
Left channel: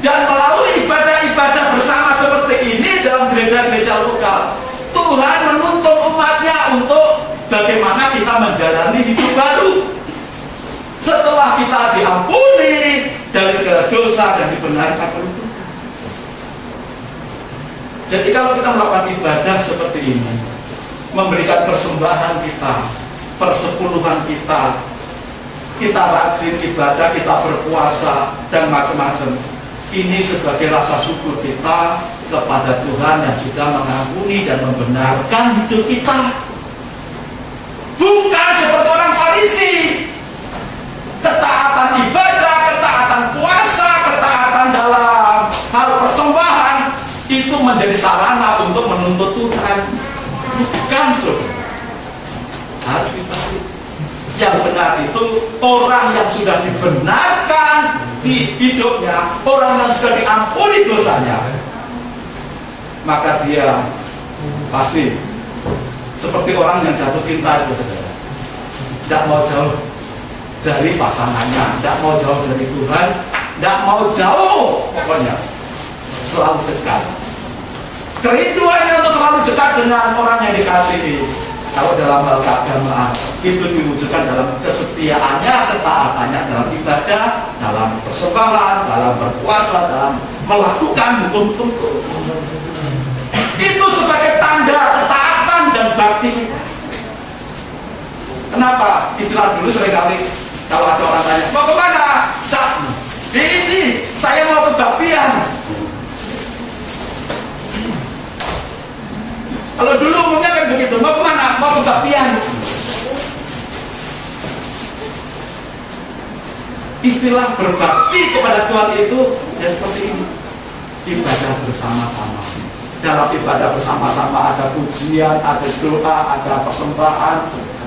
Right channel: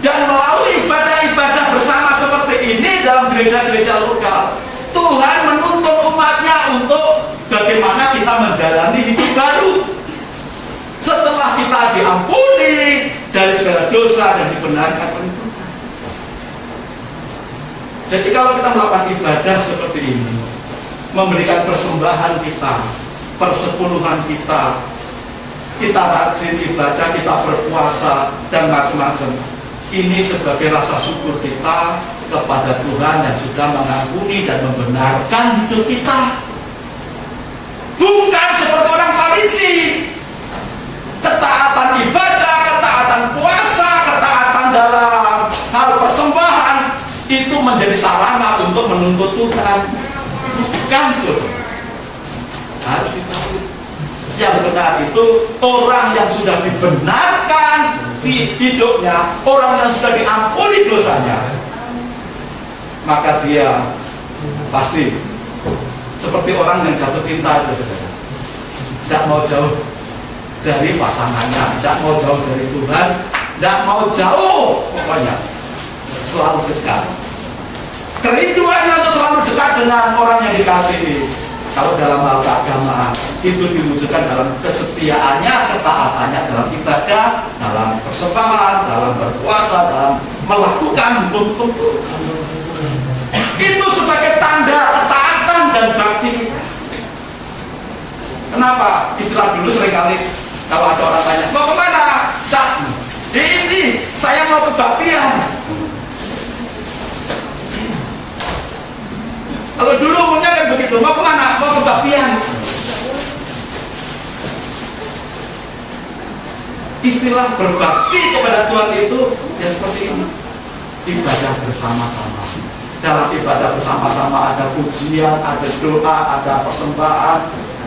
Dan melalui ibadah-ibadah bersama seperti ini dalam gereja-gereja lokal, Tuhan menuntun umatnya untuk bagaimana kita menjalani hidup baru setelah kita diampuni dari segala dosa dan dibenarkan oleh Tuhan. Jadi kalau kita melakukan ibadah seperti ini, memberikan persembahan kita, persepuluhan kita, kita rajin ibadah, kita berpuasa dan macam-macam, ini sebagai rasa syukur kita kepada Tuhan yang sudah mengampuni dan membenarkan hidup kita. Bukan seperti orang Farisi, ketaatan ibadah, ketaatan puasa, ketaatan dalam hal persembahan itu menjadi sarana untuk menuntut Tuhan. Bukan, harus kita. Yang benar itu orang yang sudah dibenarkan di hidupnya, orang yang sudah diampuni dosanya, maka dia pasti seperti orang yang jatuh cinta itu, tidak mau jauh dari pasangannya, tidak mau jauh dari Tuhan, tidak mau jauh, pokoknya selalu dekat. Kerinduannya untuk selalu dekat dengan orang yang dikasihi. Kalau dalam hal keagamaan itu diwujudkan dalam kesetiaannya, ketaatannya dalam ibadah, dalam persembahan, dalam berpuasa, dalam melakukan hukum-hukum itu sebagai tanda ketaatan dan bakti kita. Kenapa? Istilah dulu seringkali kalau ada orang tanya, mau kemana? Cak, ini saya mau kebaktian. Kalau dulu umumnya kan begitu, mau kemana? Mau kebaktian. Istilah berbakti kepada Tuhan itu ya seperti ini, ibadah bersama-sama. Dalam ibadah bersama-sama ada pujian, ada doa, ada persembahan,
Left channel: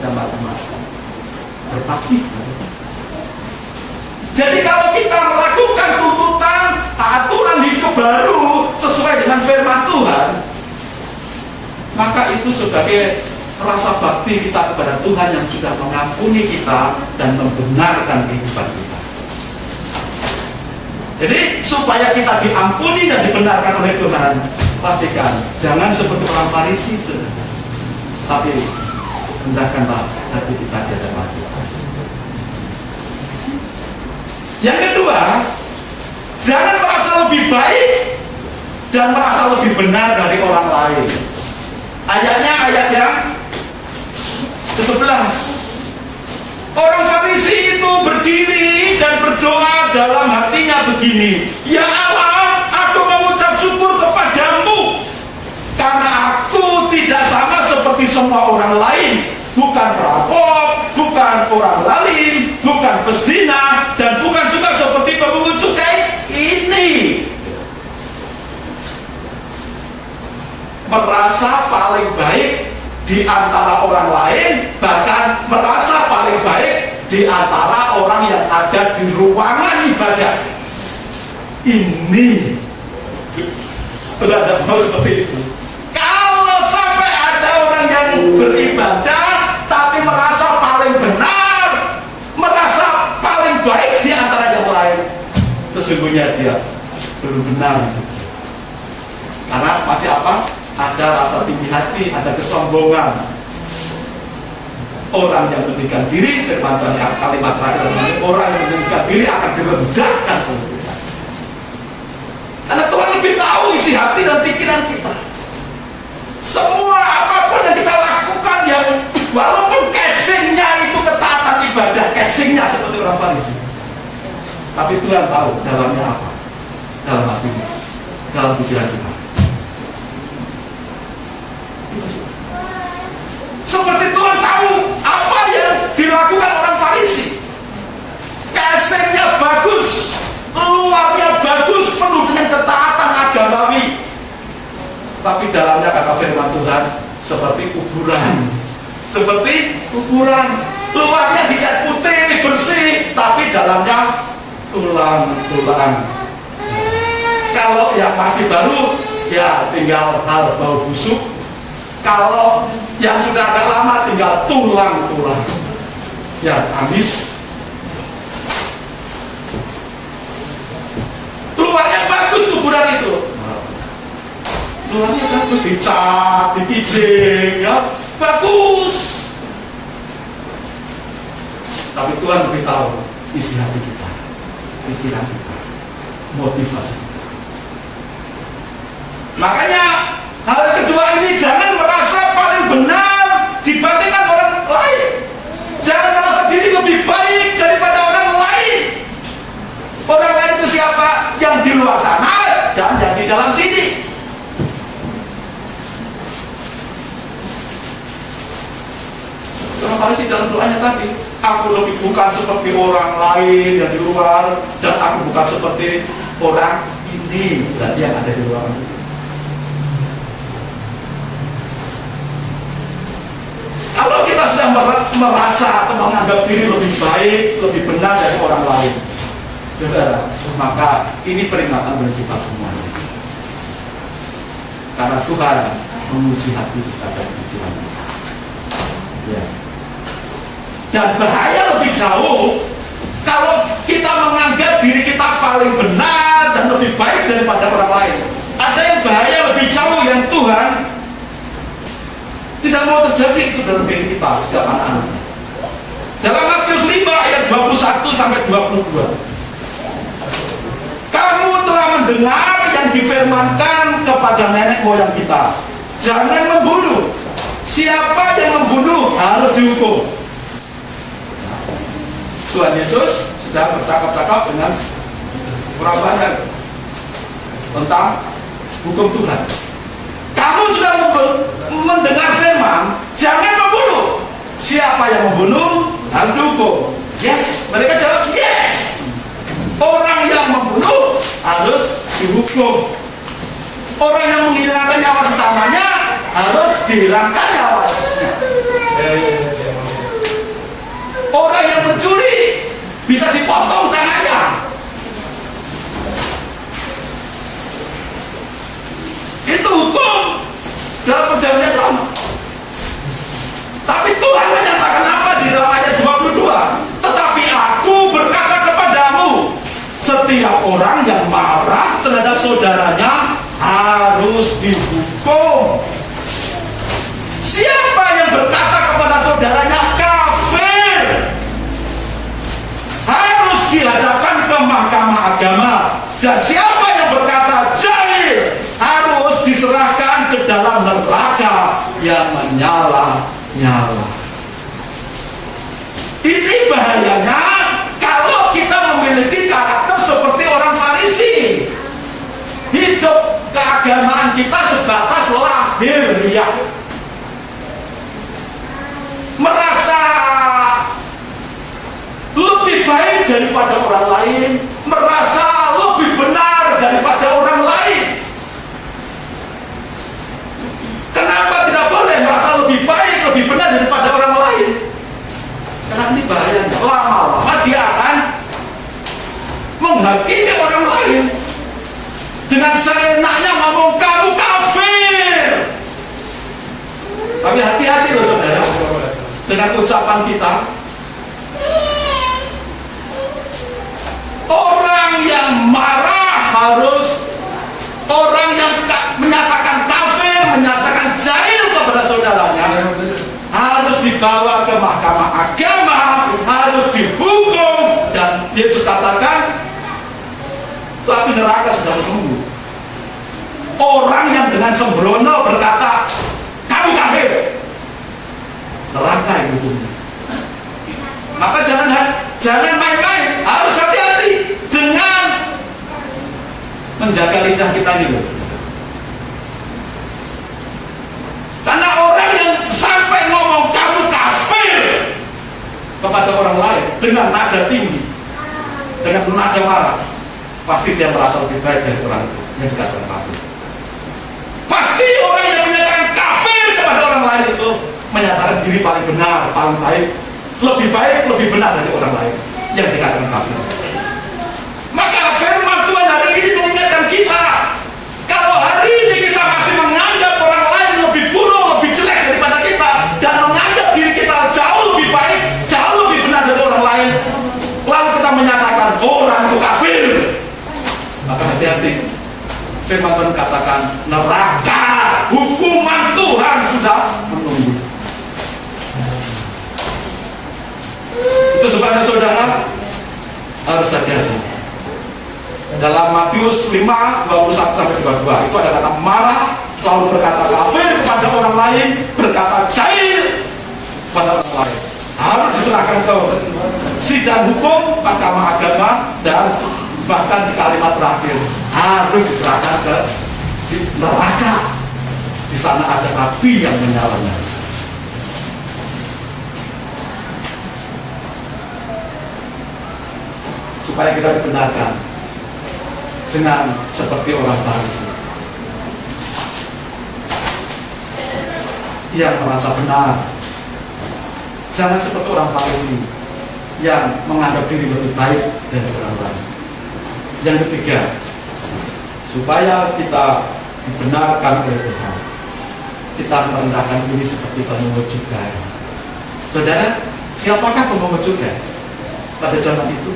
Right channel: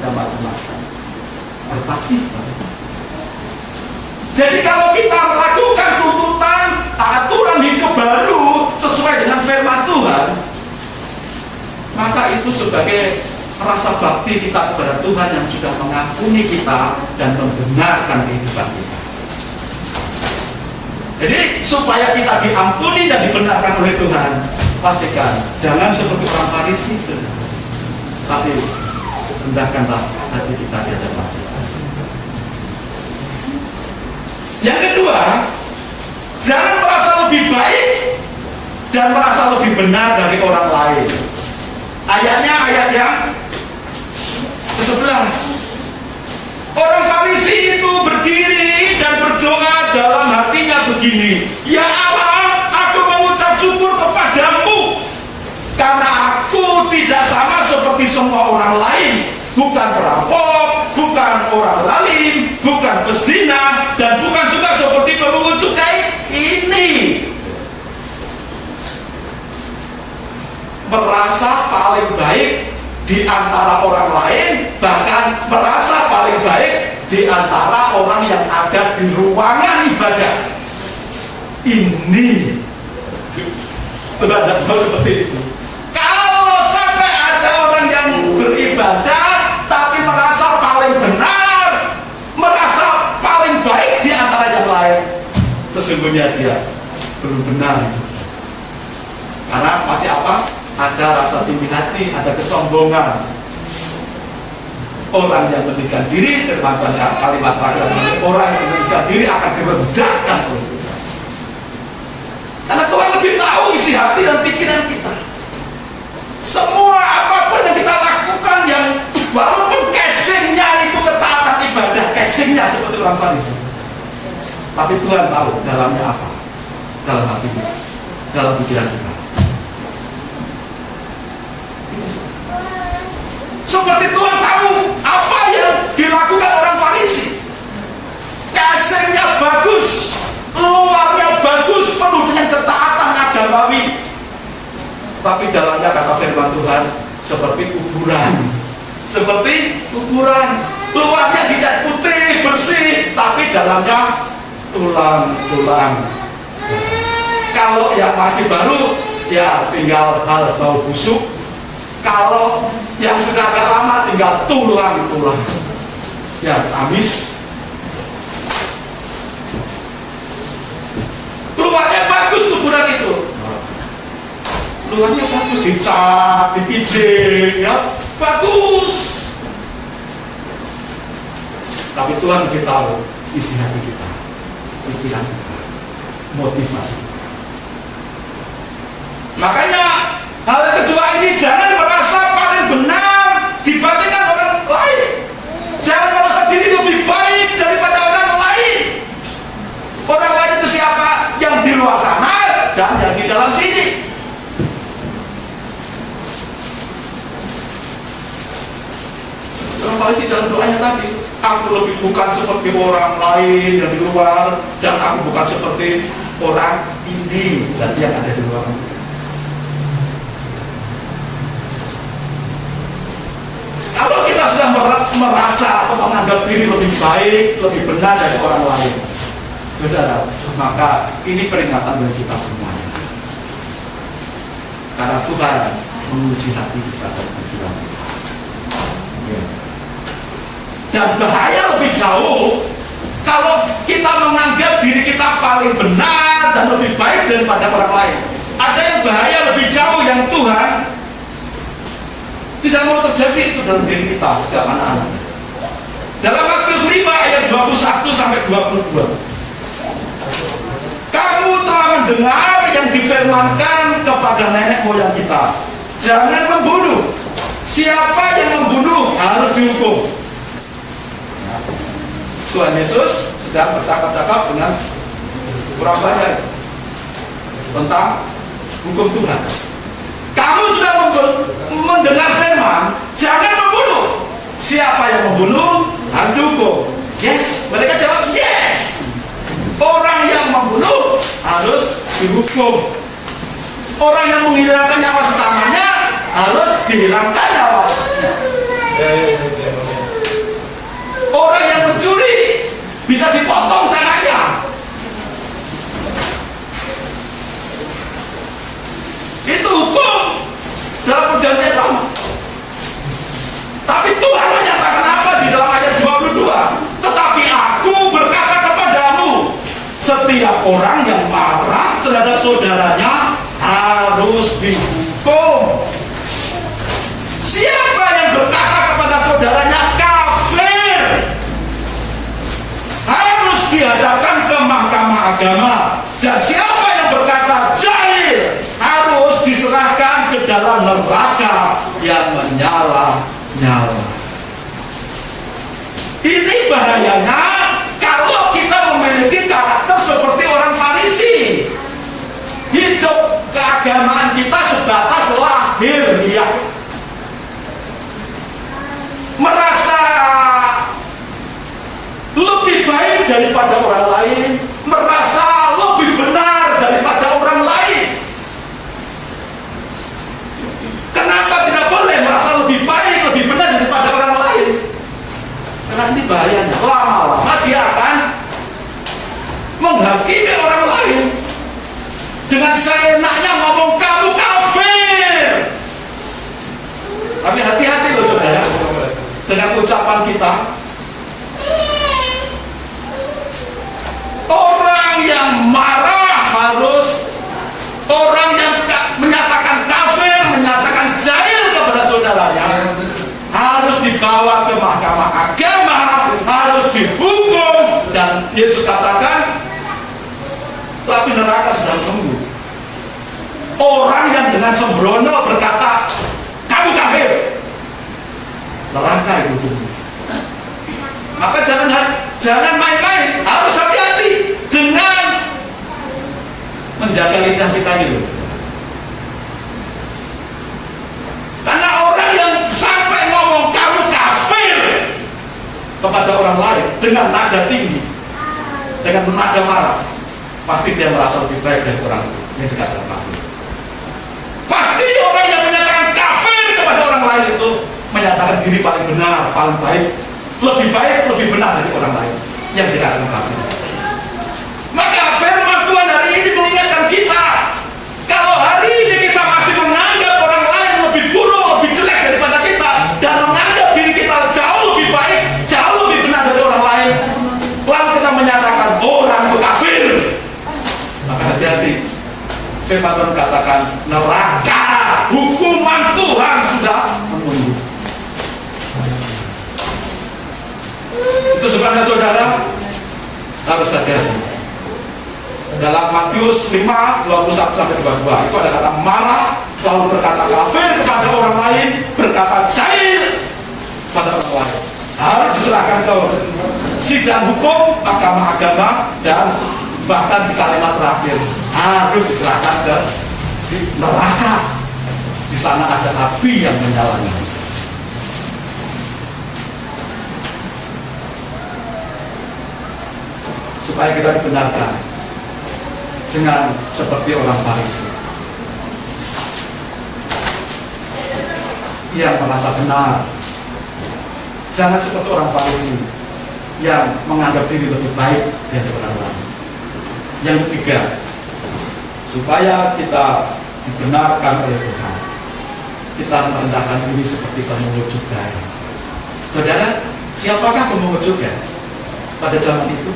ada macam-macam. Berbakti. Jadi kalau kita melakukan tuntutan aturan hidup baru sesuai dengan firman Tuhan, maka itu sebagai rasa bakti kita kepada Tuhan yang sudah mengampuni kita dan membenarkan kehidupan kita. Jadi supaya kita diampuni dan dibenarkan oleh Tuhan, pastikan jangan seperti orang Farisi, tapi rendahkanlah hati kita di hadapan Tuhan. Yang kedua, jangan merasa lebih baik dan merasa lebih benar dari orang lain. Ayatnya ayat yang ke-11. Orang Farisi itu berdiri dan berdoa dalam hatinya begini, ya Allah, aku mengucap syukur kepadamu karena aku tidak sama seperti semua orang lain, bukan perampok, bukan orang zalim, bukan pezina, dan bukan juga seperti pemungut cukai ini. Merasa paling baik di antara orang lain, bahkan merasa paling baik di antara orang yang ada di ruangan ibadah. Ini tidak mau seperti itu. Kalau sampai ada orang yang beribadah tapi merasa paling benar, merasa paling baik di antara yang lain, sesungguhnya dia belum benar. Karena masih apa? Ada rasa tinggi hati, ada kesombongan. orang yang meninggikan diri, firman Tuhan kalimat terakhir, orang yang meninggikan diri akan direndahkan oleh Tuhan. Karena Tuhan lebih tahu isi hati dan pikiran kita. Semua apapun yang kita lakukan yang walaupun casingnya itu ketaatan ibadah, casingnya seperti orang Farisi, tapi Tuhan tahu dalamnya apa, dalam hatinya, dalam pikiran kita. Seperti Tuhan tahu apa yang dilakukan orang Farisi. Casingnya bagus, luarnya bagus, penuh dengan ketaatan agamawi, tapi dalamnya kata firman Tuhan seperti kuburan. Seperti kuburan. Luarnya dicat putih, bersih, tapi dalamnya tulang-tulang. Kalau yang masih baru, ya tinggal hal bau busuk. Kalau yang sudah agak lama, tinggal tulang-tulang. Ya, habis. Luarnya bagus kuburan itu. Luarnya bagus, dicat, dipijing, ya, bagus. Tapi Tuhan lebih tahu isi hati kita, pikiran kita, motivasi. Makanya hal kedua ini, jangan merasa paling benar dibandingkan orang lain. Jangan merasa diri lebih baik daripada orang lain. Orang lain itu siapa? Yang di luar sana dan yang di dalam sini. Orang Farisi dalam doanya tadi, aku lebih bukan seperti orang lain yang di luar, dan aku bukan seperti orang ini dan yang ada di luar. Kalau kita sudah merasa atau menganggap diri lebih baik, lebih benar dari orang lain, saudara, maka ini peringatan bagi kita semuanya. Karena Tuhan menguji hati kita dan pikiran kita. Ya. Dan bahaya lebih jauh kalau kita menganggap diri kita paling benar dan lebih baik daripada orang lain. Ada yang bahaya lebih jauh yang Tuhan tidak mau terjadi itu dalam diri kita setiap anak-anak. Dalam Matius 5 ayat 21 sampai 22. Kamu telah mendengar yang difirmankan kepada nenek moyang kita, jangan membunuh. Siapa yang membunuh harus dihukum. Tuhan Yesus sudah bercakap-cakap dengan orang banyak tentang hukum Tuhan. Kamu sudah mendengar firman, jangan membunuh. Siapa yang membunuh harus dihukum. Yes, mereka jawab yes. Orang yang membunuh harus dihukum. Orang yang menghilangkan nyawa sesamanya harus dihilangkan nyawa. Orang yang mencuri bisa dipotong tangannya. Itu hukum dalam perjanjian lama. Tapi Tuhan menyatakan apa di dalam ayat 22? Tetapi aku berkata kepadamu, setiap orang yang marah terhadap saudaranya harus dihukum. Siapa yang berkata kepada saudaranya kafir harus dihadapkan ke mahkamah agama. Dan siapa yang berkata jahil harus diserahkan ke dalam neraka yang menyala-nyala. Ini bahayanya kalau kita memiliki karakter seperti orang Farisi. Hidup keagamaan kita sebatas lahiriah, merasa lebih baik daripada orang lain, merasa lebih benar daripada orang lain. Kenapa tidak boleh merasa lebih baik, lebih benar daripada orang lain? Karena ini bahayanya. Lama-lama dia akan menghakimi orang lain dengan seenaknya ngomong kamu kafir. Tapi hati-hati loh saudara dengan ucapan kita. Orang yang marah harus, orang yang menyatakan kafir, menyatakan jahil kepada saudaranya harus dibawa ke mahkamah agama harus dihukum, dan Yesus katakan tapi neraka sedang menunggu orang yang dengan sembrono berkata kamu kafir. Neraka itu hukumnya. Maka jangan main-main, harus hati-hati dengan menjaga lidah kita gitu. Karena orang yang sampai ngomong kamu kafir kepada orang lain dengan nada tinggi, dengan nada marah, pasti dia merasa lebih baik dari orang yang dikatakan kafir. Pasti orang yang menyatakan kafir kepada orang lain itu menyatakan diri paling benar, paling baik, lebih benar dari orang lain yang dikatakan kafir. Maka firman Tuhan hari ini mengingatkan kita, kalau hari ini kita masih menganggap orang lain lebih buruk, lebih jelek daripada kita, dan menganggap diri kita jauh lebih baik, jauh lebih benar dari orang lain, lalu kita menyatakan orang itu kafir, maka hati-hati. Firman Tuhan katakan neraka, hukuman Tuhan sudah menunggu. Itu sebabnya saudara harus hati-hati. Dalam Matius 5, 21-22 itu ada kata marah, lalu berkata kafir kepada orang lain, berkata jahil kepada orang lain. Harus diserahkan ke sidang hukum, mahkamah agama, dan bahkan di kalimat terakhir harus diserahkan ke neraka. Di sana ada api yang menyala-nyala. Supaya kita dibenarkan, jangan seperti orang Farisi yang merasa benar. Jangan seperti orang Farisi yang menganggap diri lebih baik dari orang lain. Yang ketiga, supaya kita dibenarkan oleh Tuhan, kita merendahkan diri seperti pemungut cukai. Saudara, siapakah pemungut cukai pada zaman itu?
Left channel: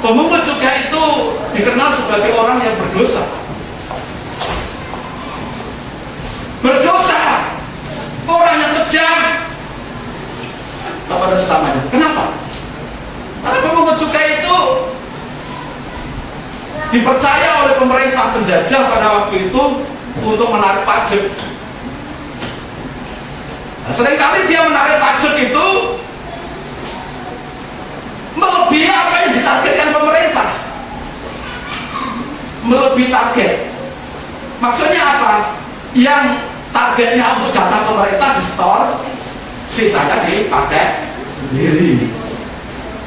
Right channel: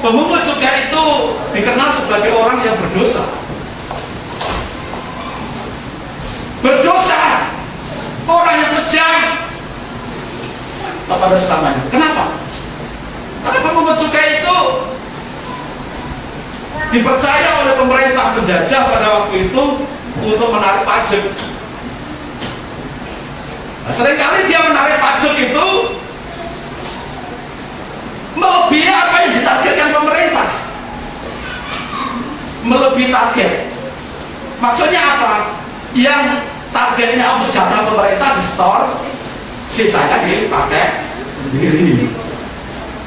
Pemungut cukai itu dikenal sebagai orang yang berdosa. Berdosa, orang yang kejam kepada sesamanya. Kenapa? Karena pemungut cukai itu dipercaya oleh pemerintah penjajah pada waktu itu untuk menarik pajak. Nah, seringkali dia menarik pajak itu melebihi apa yang ditargetkan pemerintah. Melebihi target. Maksudnya apa? Yang targetnya untuk jatah pemerintah di store, sisanya dipakai sendiri.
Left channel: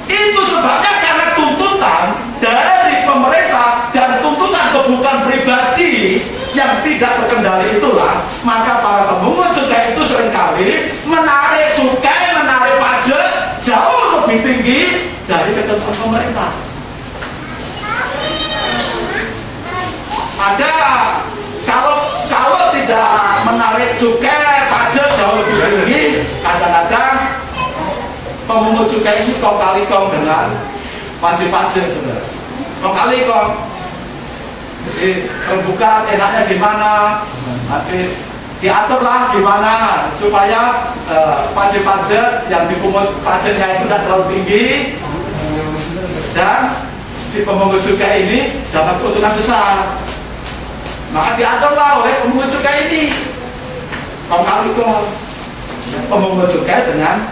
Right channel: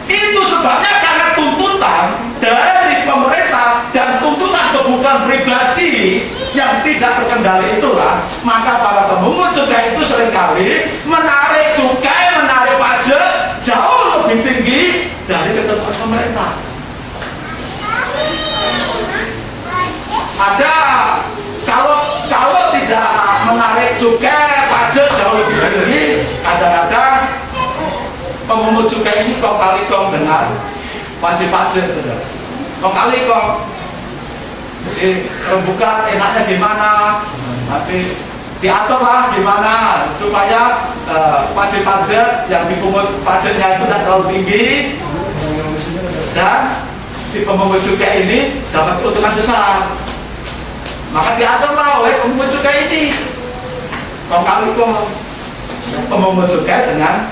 Itu sebabnya karena tuntutan dari pemerintah dan tuntutan kebutuhan pribadi yang tidak terkendali itulah, maka para pemungut cukai itu seringkali menarik cukai, menarik pajak jauh lebih tinggi dari ketentuan pemerintah. Ada kalau tidak menarik cukai pajak jauh lebih tinggi, kadang-kadang pemungut cukai ini kong kali kong dengan wajib pajak, saudara. Kong kali kong. Jadi rembukan enaknya gimana, nanti diaturlah gimana supaya wajib pajak yang dipungut pajaknya itu tidak terlalu tinggi dan si pemungut cukai ini dapat keuntungan besar. Maka diaturlah oleh pemungut cukai ini. Kong kali kong pemungut cukai dengan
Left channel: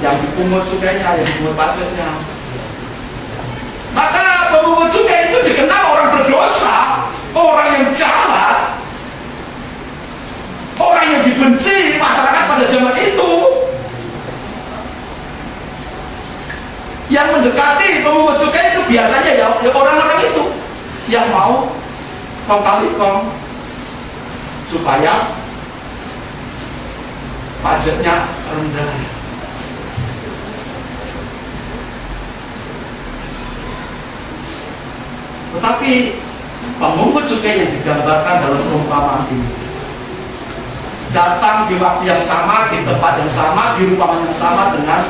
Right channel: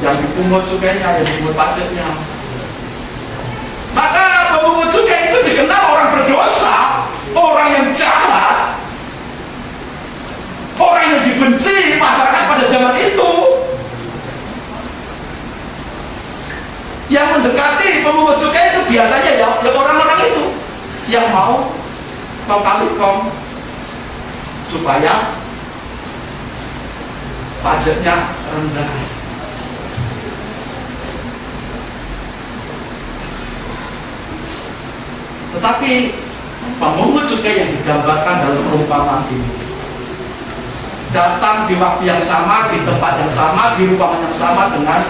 yang dipungut cukainya, yang dipungut pajaknya. Maka pemungut cukai itu dikenal orang berdosa, orang yang jahat, orang yang dibenci masyarakat pada zaman itu. Yang mendekati pemungut cukai itu biasanya ya orang-orang itu yang mau kong kali kong supaya pajaknya rendah. Tetapi pemungut cukai yang digambarkan dalam perumpamaan ini datang di waktu yang sama, di tempat yang sama, di ruangan yang sama dengan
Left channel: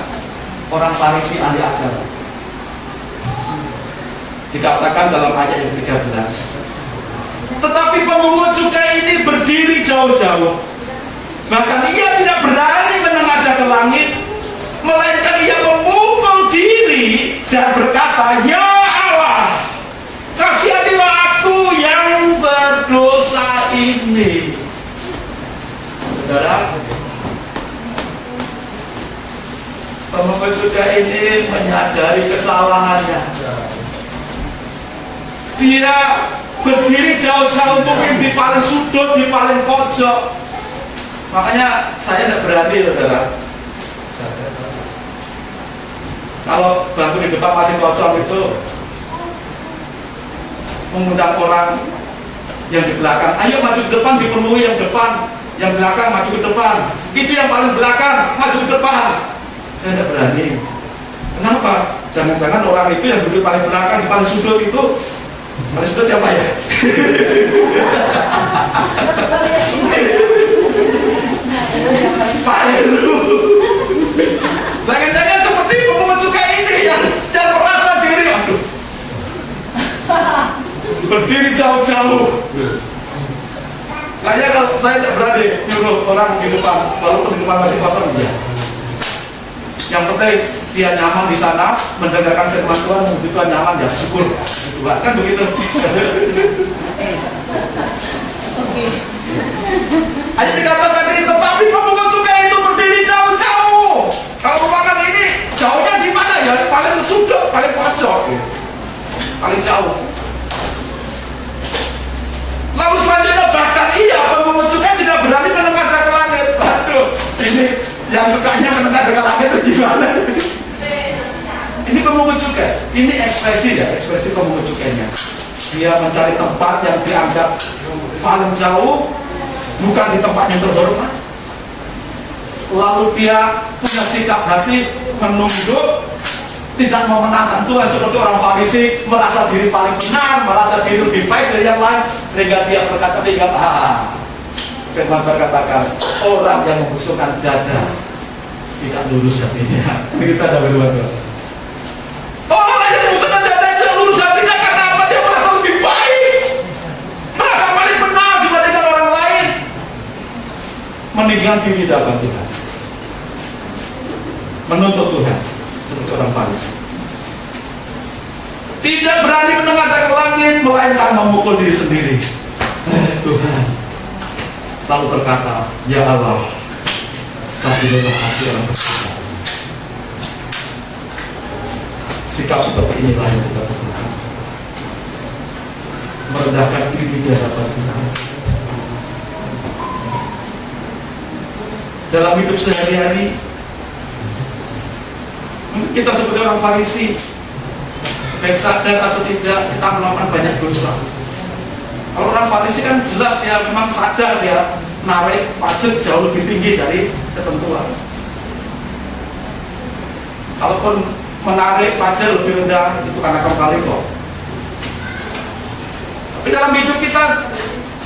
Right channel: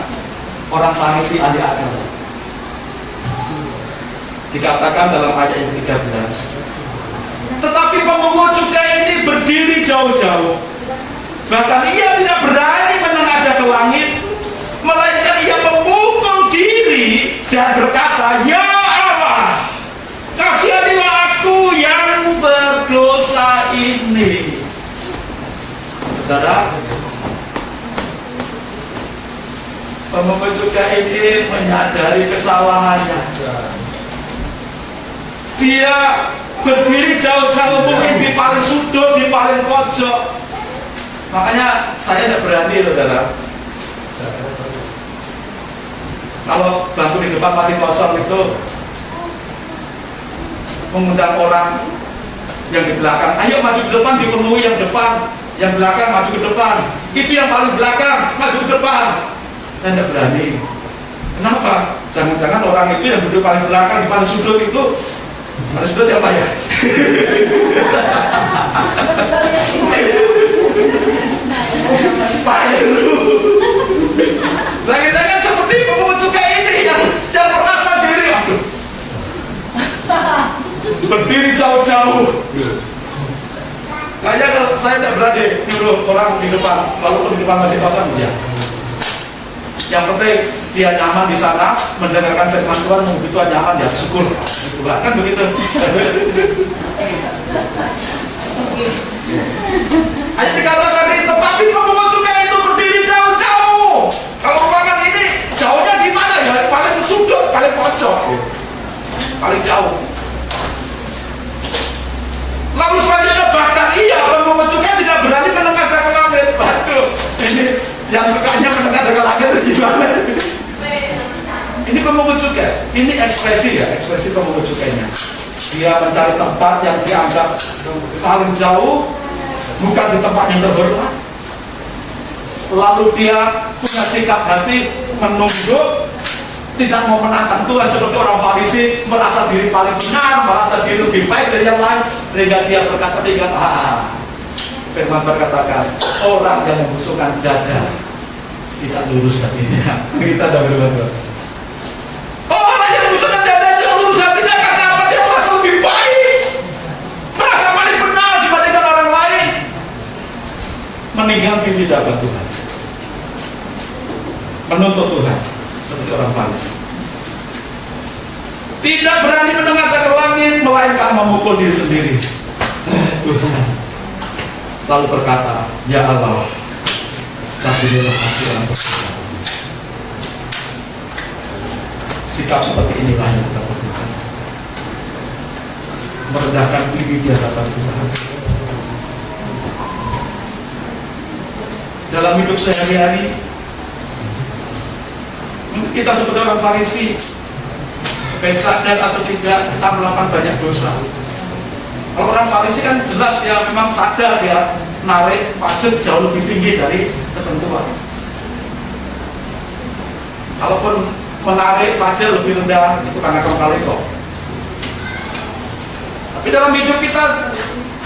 orang Farisi ahli agama. Dikatakan dalam ayat yang 13. Tetapi pemungut cukai ini berdiri jauh-jauh. Bahkan ia tidak berani menengadahkan ke langit, melainkan ia memukul diri dan berkata, "Ya Allah, kasihanilah aku yang berdosa ini." Saudara, pemungut cukai ini menyadari kesalahannya. Dia berdiri jauh-jauh, mungkin di paling sudut, di paling pojok. Makanya saya tidak berani, saudara. Kalau bangku di depan masih kosong itu, mengundang orang yang di belakang, "Ayo maju ke depan," dipenuhi yang depan. Yang belakang maju ke depan. Itu yang paling belakang maju ke depan. Saya tidak berani. Kenapa? Jangan-jangan orang itu yang duduk paling belakang, di paling sudut itu, paling sudut siapa ya? Pak Heru. Jangan-jangan seperti pemungut cukai ini yang merasa diri, aduh, berdiri jauh-jauh. Kayaknya kalau saya tidak berani nyuruh orang di depan, walaupun di depan masih kosong, ya. Yang penting dia nyaman di sana, mendengarkan firman Tuhan, begitu nyaman, ya syukur. Kan begitu. Hanya dikatakan di tetapi pemungut cukai itu berdiri jauh-jauh. Kalau ruangan ini jauhnya di mana ya? Paling sudut, paling pojok, paling jauh. Lalu selanjutnya bahkan ia pemungut cukai tidak berani menengadah ke langit. Waduh, ini yang sukanya menengadah ke langit itu gimana? Ini pemungut cukai, ini ekspresi ya, ekspresi pemungut cukainya. Dia mencari tempat yang dianggap paling jauh, bukan di tempat yang terhormat. Lalu dia punya sikap hati menunduk, tidak mau menantang Tuhan seperti orang Farisi, merasa diri paling benar, merasa diri lebih baik dari yang lain, sehingga dia berkata dengan firman berkatakan, orang yang membusukkan dada tidak lurus hatinya. Kita ada firman Tuhan. Orang yang membusukkan dada tidak lurus hatinya karena apa? Dia merasa lebih baik, merasa paling benar dibandingkan orang lain, meninggalkan diri di hadapan Tuhan, menuntut Tuhan seperti orang Farisi. Tidak berani menengadah ke langit, melainkan memukul diri sendiri. Tuhan lalu berkata, "Ya Allah, kasihanilah hati orang berdosa." Sikap seperti inilah yang kita perlukan, merendahkan diri di hadapan Tuhan. Dalam hidup sehari-hari, kita seperti orang Farisi, baik sadar atau tidak, kita melakukan banyak dosa. Kalau orang Farisi kan jelas dia memang sadar, dia narik pajak jauh lebih tinggi dari ketentuan. Kalaupun menarik pajak lebih rendah, itu karena kembali kok. Tapi dalam hidup kita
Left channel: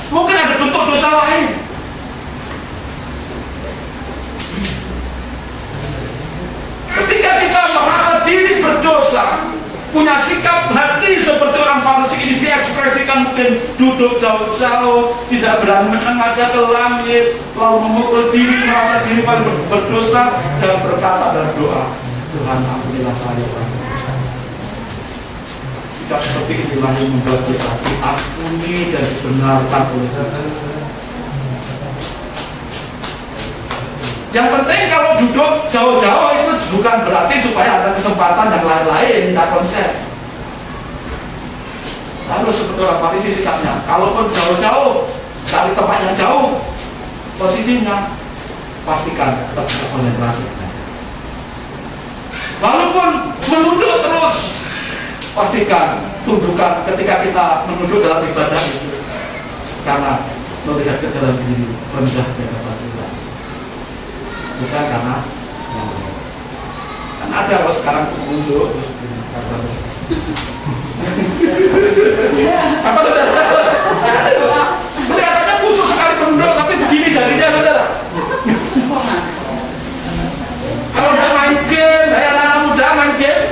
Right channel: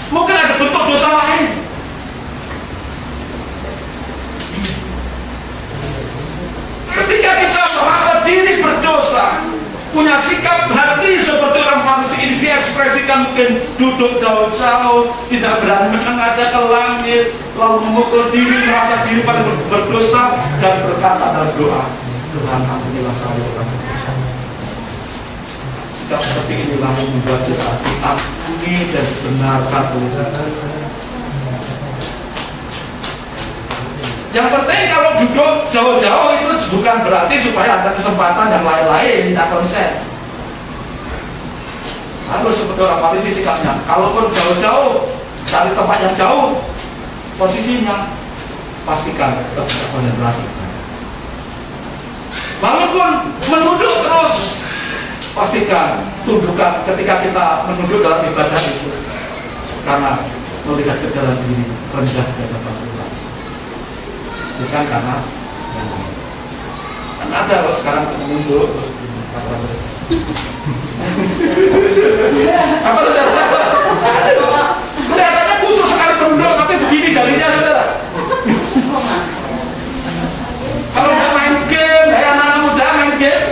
mungkin ada bentuk dosa lain. Ketika kita merasa diri berdosa, punya sikap hati seperti orang Farisi ini, diekspresikan, mungkin duduk jauh-jauh, tidak berani menengadah ke langit, lalu memukul diri, merasa diri paling berdosa, dan berkata dalam doa, "Tuhan, ampunilah saya orang berdosa." Sikap seperti inilah yang membuat kita diampuni dan dibenarkan oleh Tuhan. Yang penting kalau duduk jauh-jauh itu bukan berarti supaya ada kesempatan yang lain-lain, tidak konsep. Lalu seperti orang Farisi sikapnya, kalaupun jauh-jauh, cari tempat yang jauh, posisinya pastikan tetap bisa konsentrasi. Walaupun menunduk terus, pastikan tundukan ketika kita menunduk dalam ibadah itu, karena melihat ke dalam diri rendah di hadapan Tuhan, bukan karena kan ada loh sekarang menunduk apa saudara? Ada loh, kelihatannya khusus sekali menunduk, tapi begini jadinya saudara. Kalau nggak main game, kayak anak-anak muda main game,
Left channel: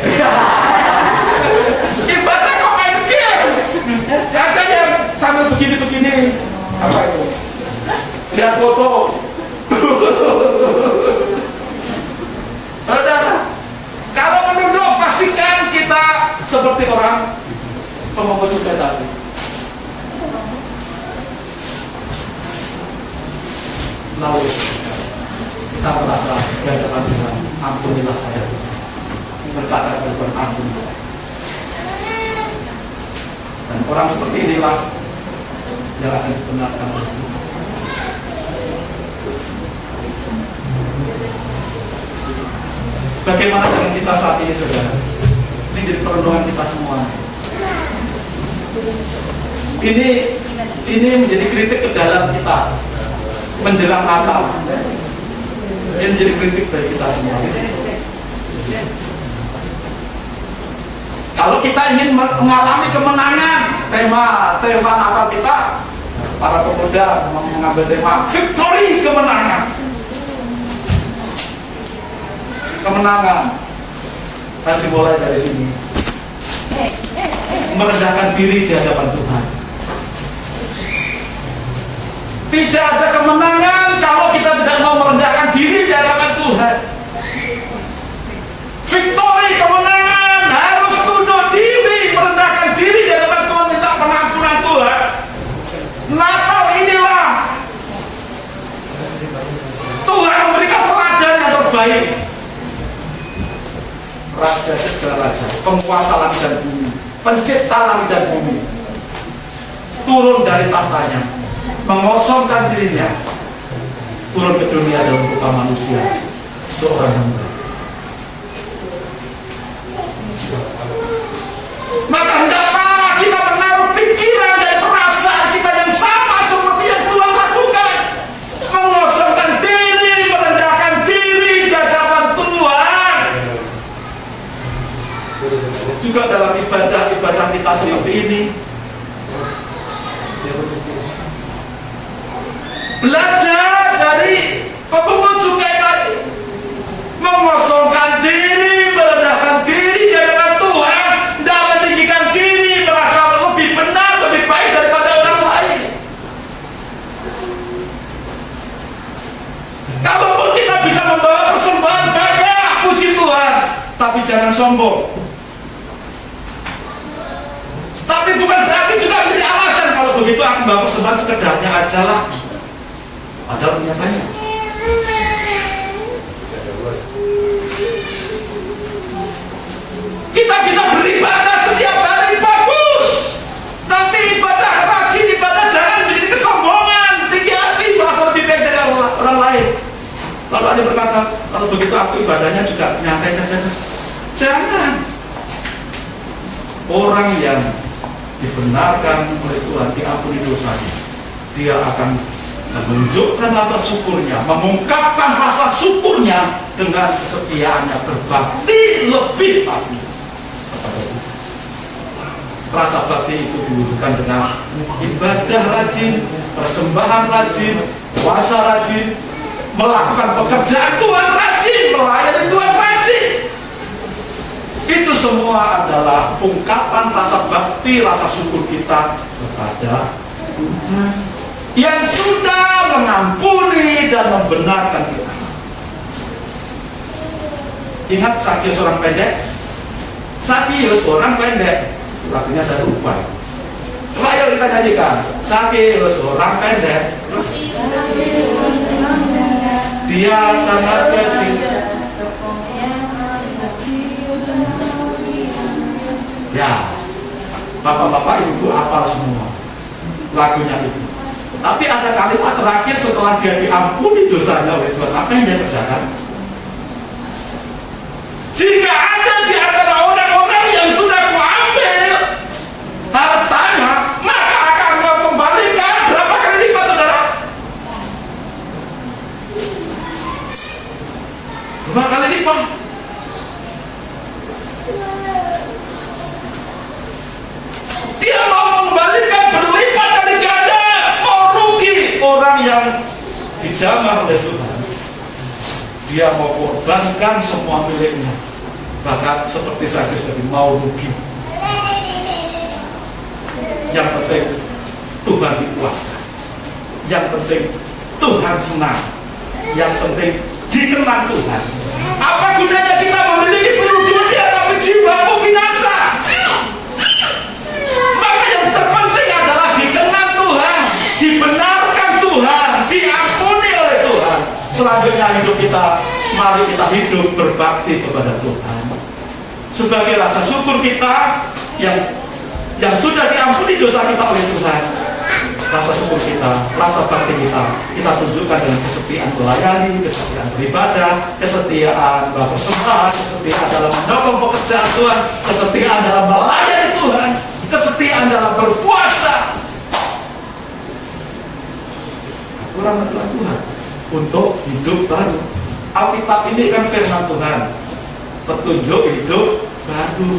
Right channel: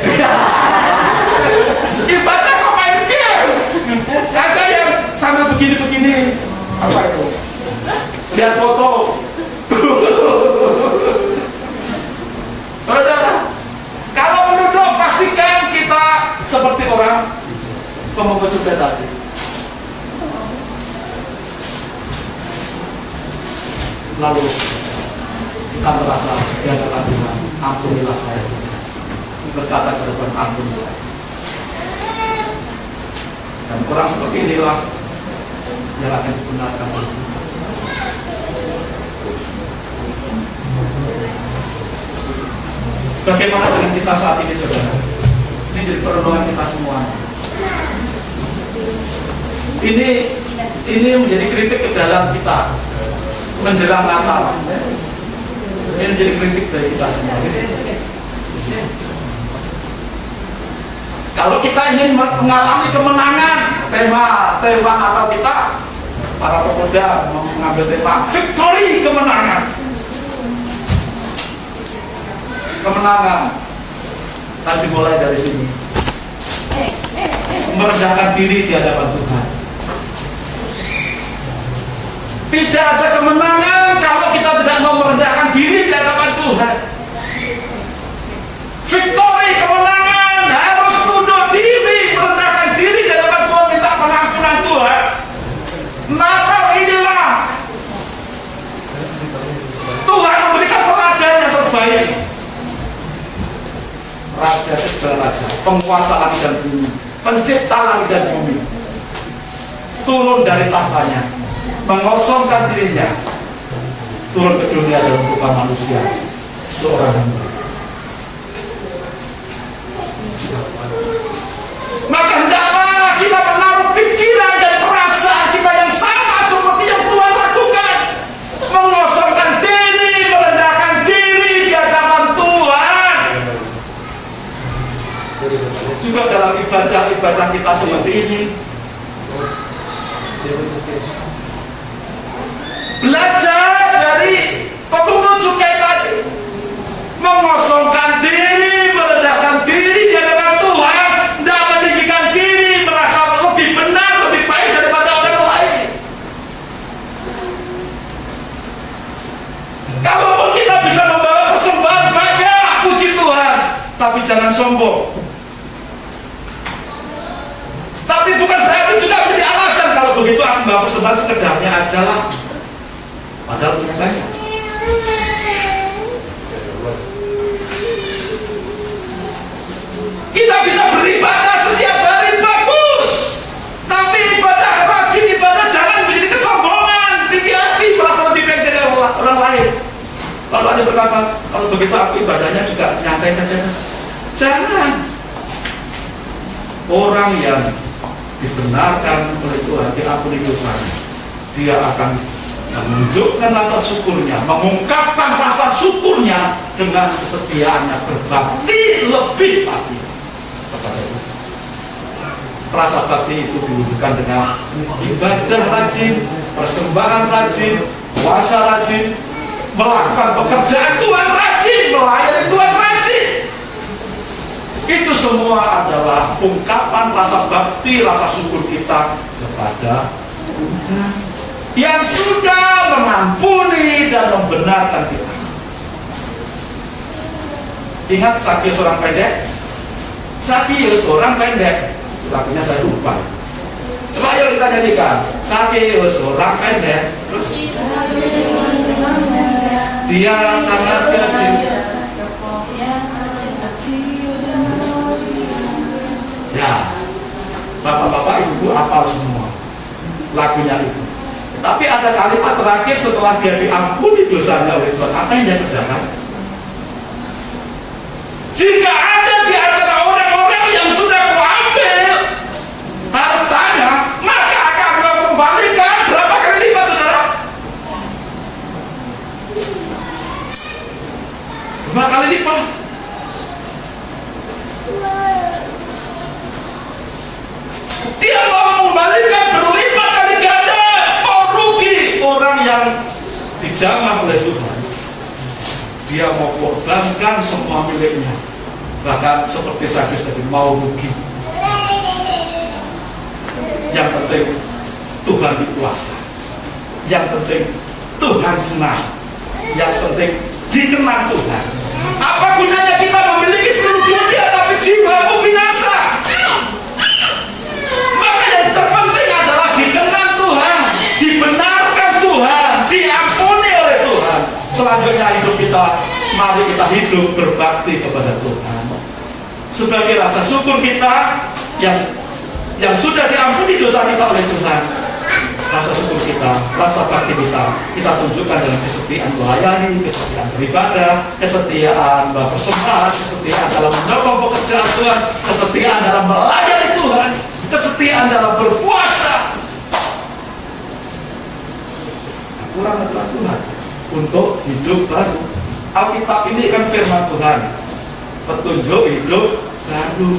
ibadah kok main game. Ada yang sambil begini-begini, apa itu? Lihat foto. seperti orang pemungut cukai tadi. Lalu kita merasa di hadapan Tuhan, ampunilah saya. Berkata kepada Tuhan, ampun saya. Dan orang seperti inilah yang akan dibenarkan. Bagaimana dengan kita saat ini, saudara? Ini jadi perenungan kita semua. Ini menjadi kritik ke dalam kita menjelang Natal. Ini menjadi kritik bagi kita semua. Kalau kita ingin mengalami kemenangan, tema Natal kita, para pemuda mengambil tema victory, kemenangan. Kemenangan. Dan dimulai dari sini. Merendahkan diri di hadapan Tuhan. Tidak ada kemenangan kalau kita tidak mau merendahkan diri di hadapan Tuhan. Victory, kemenangan, harus tunduk diri, merendahkan diri di hadapan Tuhan, minta pengampunan Tuhan. Natal inilah Tuhan memberikan teladan yang terbaik. Raja segala raja, penguasa langit dan bumi, pencipta langit dan bumi, turun dari tahtanya, mengosongkan dirinya, turun ke dunia dalam muka manusia, seorang hamba. Maka hendaklah kita menaruh pikiran dan perasaan kita yang sama seperti yang Tuhan lakukan, mengosongkan diri, merendahkan diri di hadapan Tuhan. Juga dalam ibadah kita seperti ini, belajar dari pemungut cukai tadi, mengosongkan diri, merendahkan diri di hadapan Tuhan, tidak meninggikan diri, merasa lebih benar, lebih baik daripada orang lain. Kalaupun kita bisa membawa persembahan banyak, puji Tuhan, tapi jangan sombong. Tapi bukan berarti juga menjadi alasan kalau begitu aku membawa persembahan sekedarnya aja lah. Padahal nyatanya kita bisa beribadah setiap hari bagus, tapi ibadah rajin, ibadah jangan menjadi kesombongan, tinggi hati, merasa lebih baik dari orang lain. Kalau ada berkata, kalau begitu aku ibadahnya juga nyantai saja. Jangan. Orang yang dibenarkan oleh Tuhan, diampuni dosanya, dia akan menunjukkan rasa syukurnya, mengungkapkan rasa syukurnya dengan kesetiaannya, berbakti lebih lagi kepada Tuhan. Rasa bakti itu diwujudkan dengan ibadah rajin, persembahan rajin, puasa rajin, melakukan pekerjaan Tuhan rajin, melayani Tuhan rajin. Itu semua adalah ungkapan rasa bakti, rasa syukur kita kepada Tuhan yang sudah mengampuni dan membenarkan kita. Ingat Sakius orang pendek? Sakius orang pendek. Lagunya saya lupa. Coba ayo kita nyanyikan. Sakius orang pendek. Terus dia sangat kecil. Ya, bapak-bapak ibu hafal semua lagunya itu. Tapi ada kalimat terakhir setelah dia diampuni dosanya oleh Tuhan. Apa yang dia kerjakan? Jika ada di antara orang-orang yang sudah kuambil hartanya, maka akan kau kembalikan berapa kali lipat, saudara? Berapa kali lipat? Dia mau mengembalikan berlipat kali ganda. Oh, rugi orang yang dijamah oleh Tuhan. Dia mau korbankan semua miliknya, bahkan seperti Sakius tadi mau rugi. Yang penting Tuhan dipuaskan. Yang penting Tuhan senang. Yang penting dikenang Tuhan. Apa gunanya kita memiliki seluruh dunia tapi jiwamu binasa? selanjutnya hidup kita, mari kita hidup berbakti kepada Tuhan. Sebagai rasa syukur kita yang sudah diampuni dosa kita oleh Tuhan, rasa syukur kita, rasa bakti kita tunjukkan dengan kesetiaan melayani, kesetiaan beribadah, kesetiaan berpersembahan, kesetiaan dalam menyokong pekerjaan Tuhan, kesetiaan dalam melayani Tuhan, kesetiaan dalam berpuasa. Kurang aturan Tuhan untuk hidup baru. Alkitab ini kan firman Tuhan, petunjuk hidup baru.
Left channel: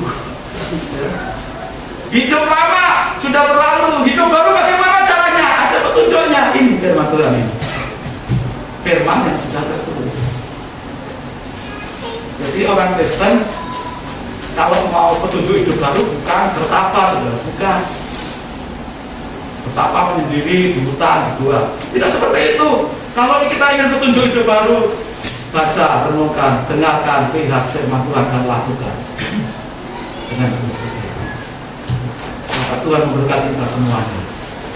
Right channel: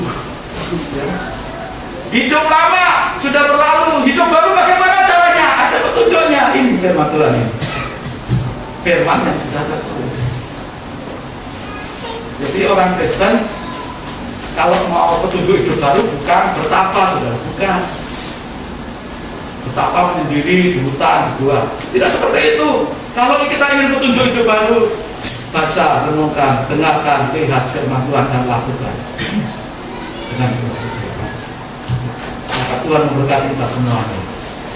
Hidup lama sudah berlalu, hidup baru bagaimana caranya? Ada petunjuknya. Ini firman Tuhan ini, firman yang sudah tertulis. Jadi orang Kristen kalau mau petunjuk hidup baru bukan bertapa, saudara, bukan bertapa menyendiri di hutan, di gua. Tidak seperti itu. Kalau kita ingin petunjuk hidup baru, baca, renungkan, dengarkan, lihat firman Tuhan dan lakukan dengan Tuhan. Maka Tuhan memberkati kita semuanya.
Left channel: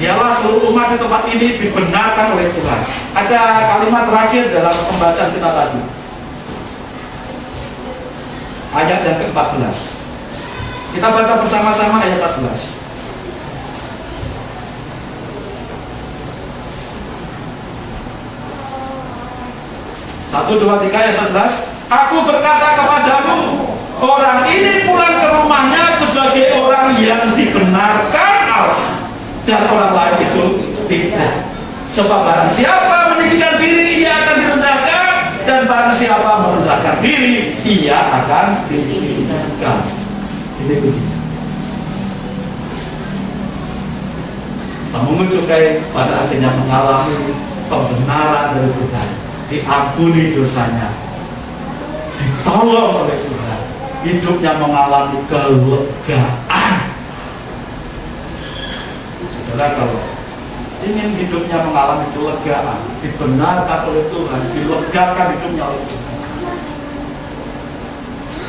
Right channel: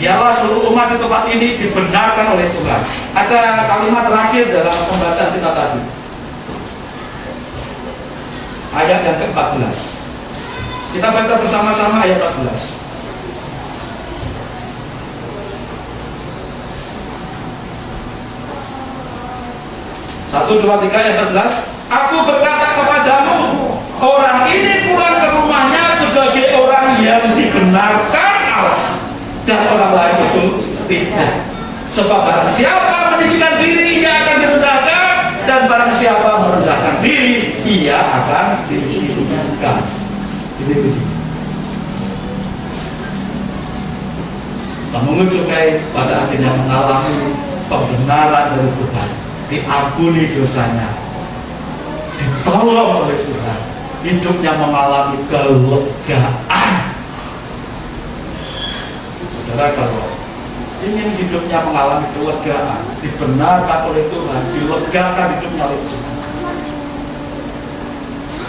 Biarlah seluruh umat di tempat ini dibenarkan oleh Tuhan. Ada kalimat terakhir dalam pembacaan kita tadi, ayat yang ke-14. Kita baca bersama-sama ayat 14. 1, 2, 3 ayat 14. Aku berkata kepadamu, orang ini pulang ke rumahnya sebagai orang yang dibenarkan Allah, dan orang lain itu tidak. Sebab barang siapa meninggikan diri, ia akan direndahkan, dan barang siapa merendahkan diri, ia akan ditinggikan. Ini begini. Mengucapkan pada akhirnya mengalami pembenaran dari Tuhan, diampuni dosanya, ditolong oleh Tuhan, hidupnya mengalami kelegaan. Saudara, kalau ingin hidupnya mengalami kelegaan, dibenarkan oleh Tuhan, dilegakan hidupnya oleh Tuhan,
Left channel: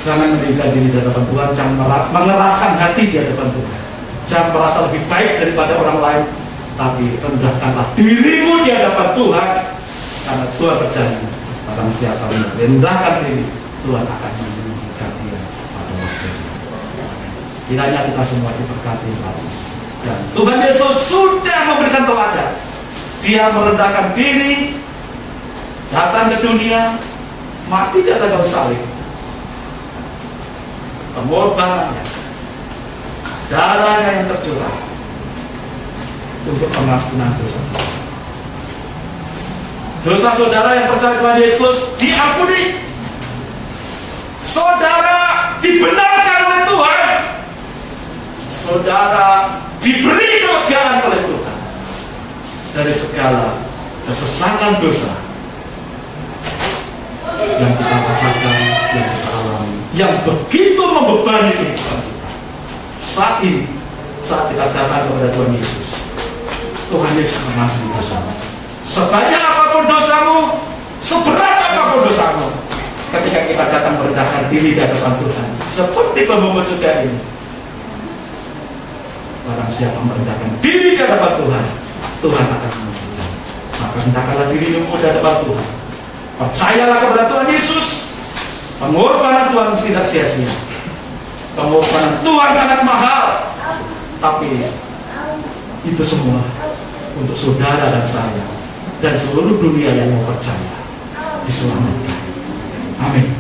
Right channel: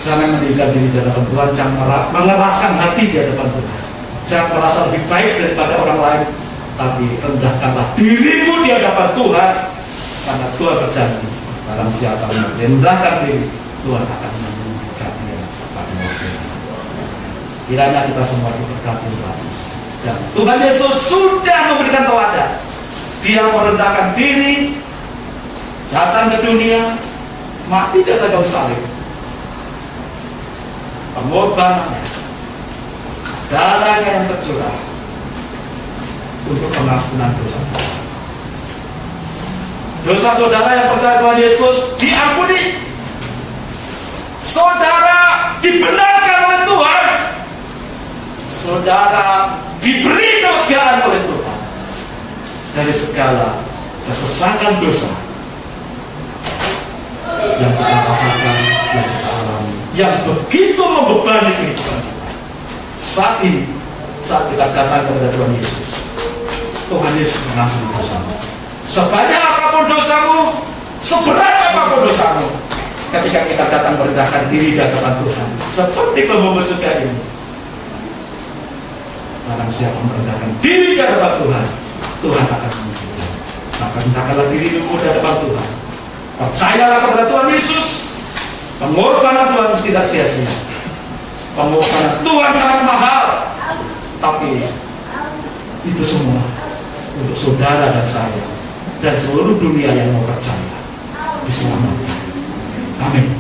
jangan meninggikan diri di hadapan Tuhan, jangan mengeraskan hati di hadapan Tuhan, jangan merasa lebih baik daripada orang lain, tapi rendahkanlah dirimu di hadapan Tuhan. Karena Tuhan berjanji, barang siapa merendahkan diri, Tuhan akan meninggikan dia pada waktu itu. Kiranya kita semua diberkati Tuhan. Dan Tuhan Yesus sudah memberikan teladan. Dia merendahkan diri, datang ke dunia, mati di atas kayu salib. Pengorbanannya, darahnya yang tercurah untuk pengampunan dosa. Dosa saudara yang percaya Tuhan Yesus diampuni. Saudara dibenarkan oleh Tuhan. Saudara diberi kelegaan oleh Tuhan dari segala kesesakan dosa yang kita rasakan, yang kita alami, yang begitu membebani kehidupan kita. Saat ini, saat kita datang kepada Tuhan Yesus, Tuhan Yesus mengampuni dosamu. Sebanyak apapun dosamu, seberat apapun dosamu, ketika kita datang merendahkan diri di hadapan Tuhan, seperti pembungkus juga ini, barang siapa merendahkan diri di hadapan Tuhan, Tuhan akan mengampuni. Maka rendahkanlah dirimu di hadapan Tuhan. Percayalah kepada Tuhan Yesus. Pengorbanan Tuhan tidak sia-sia. Pengorbanan Tuhan sangat mahal, tapi itu semua untuk saudara dan saya dan seluruh dunia yang mau percaya diselamatkan. Amin.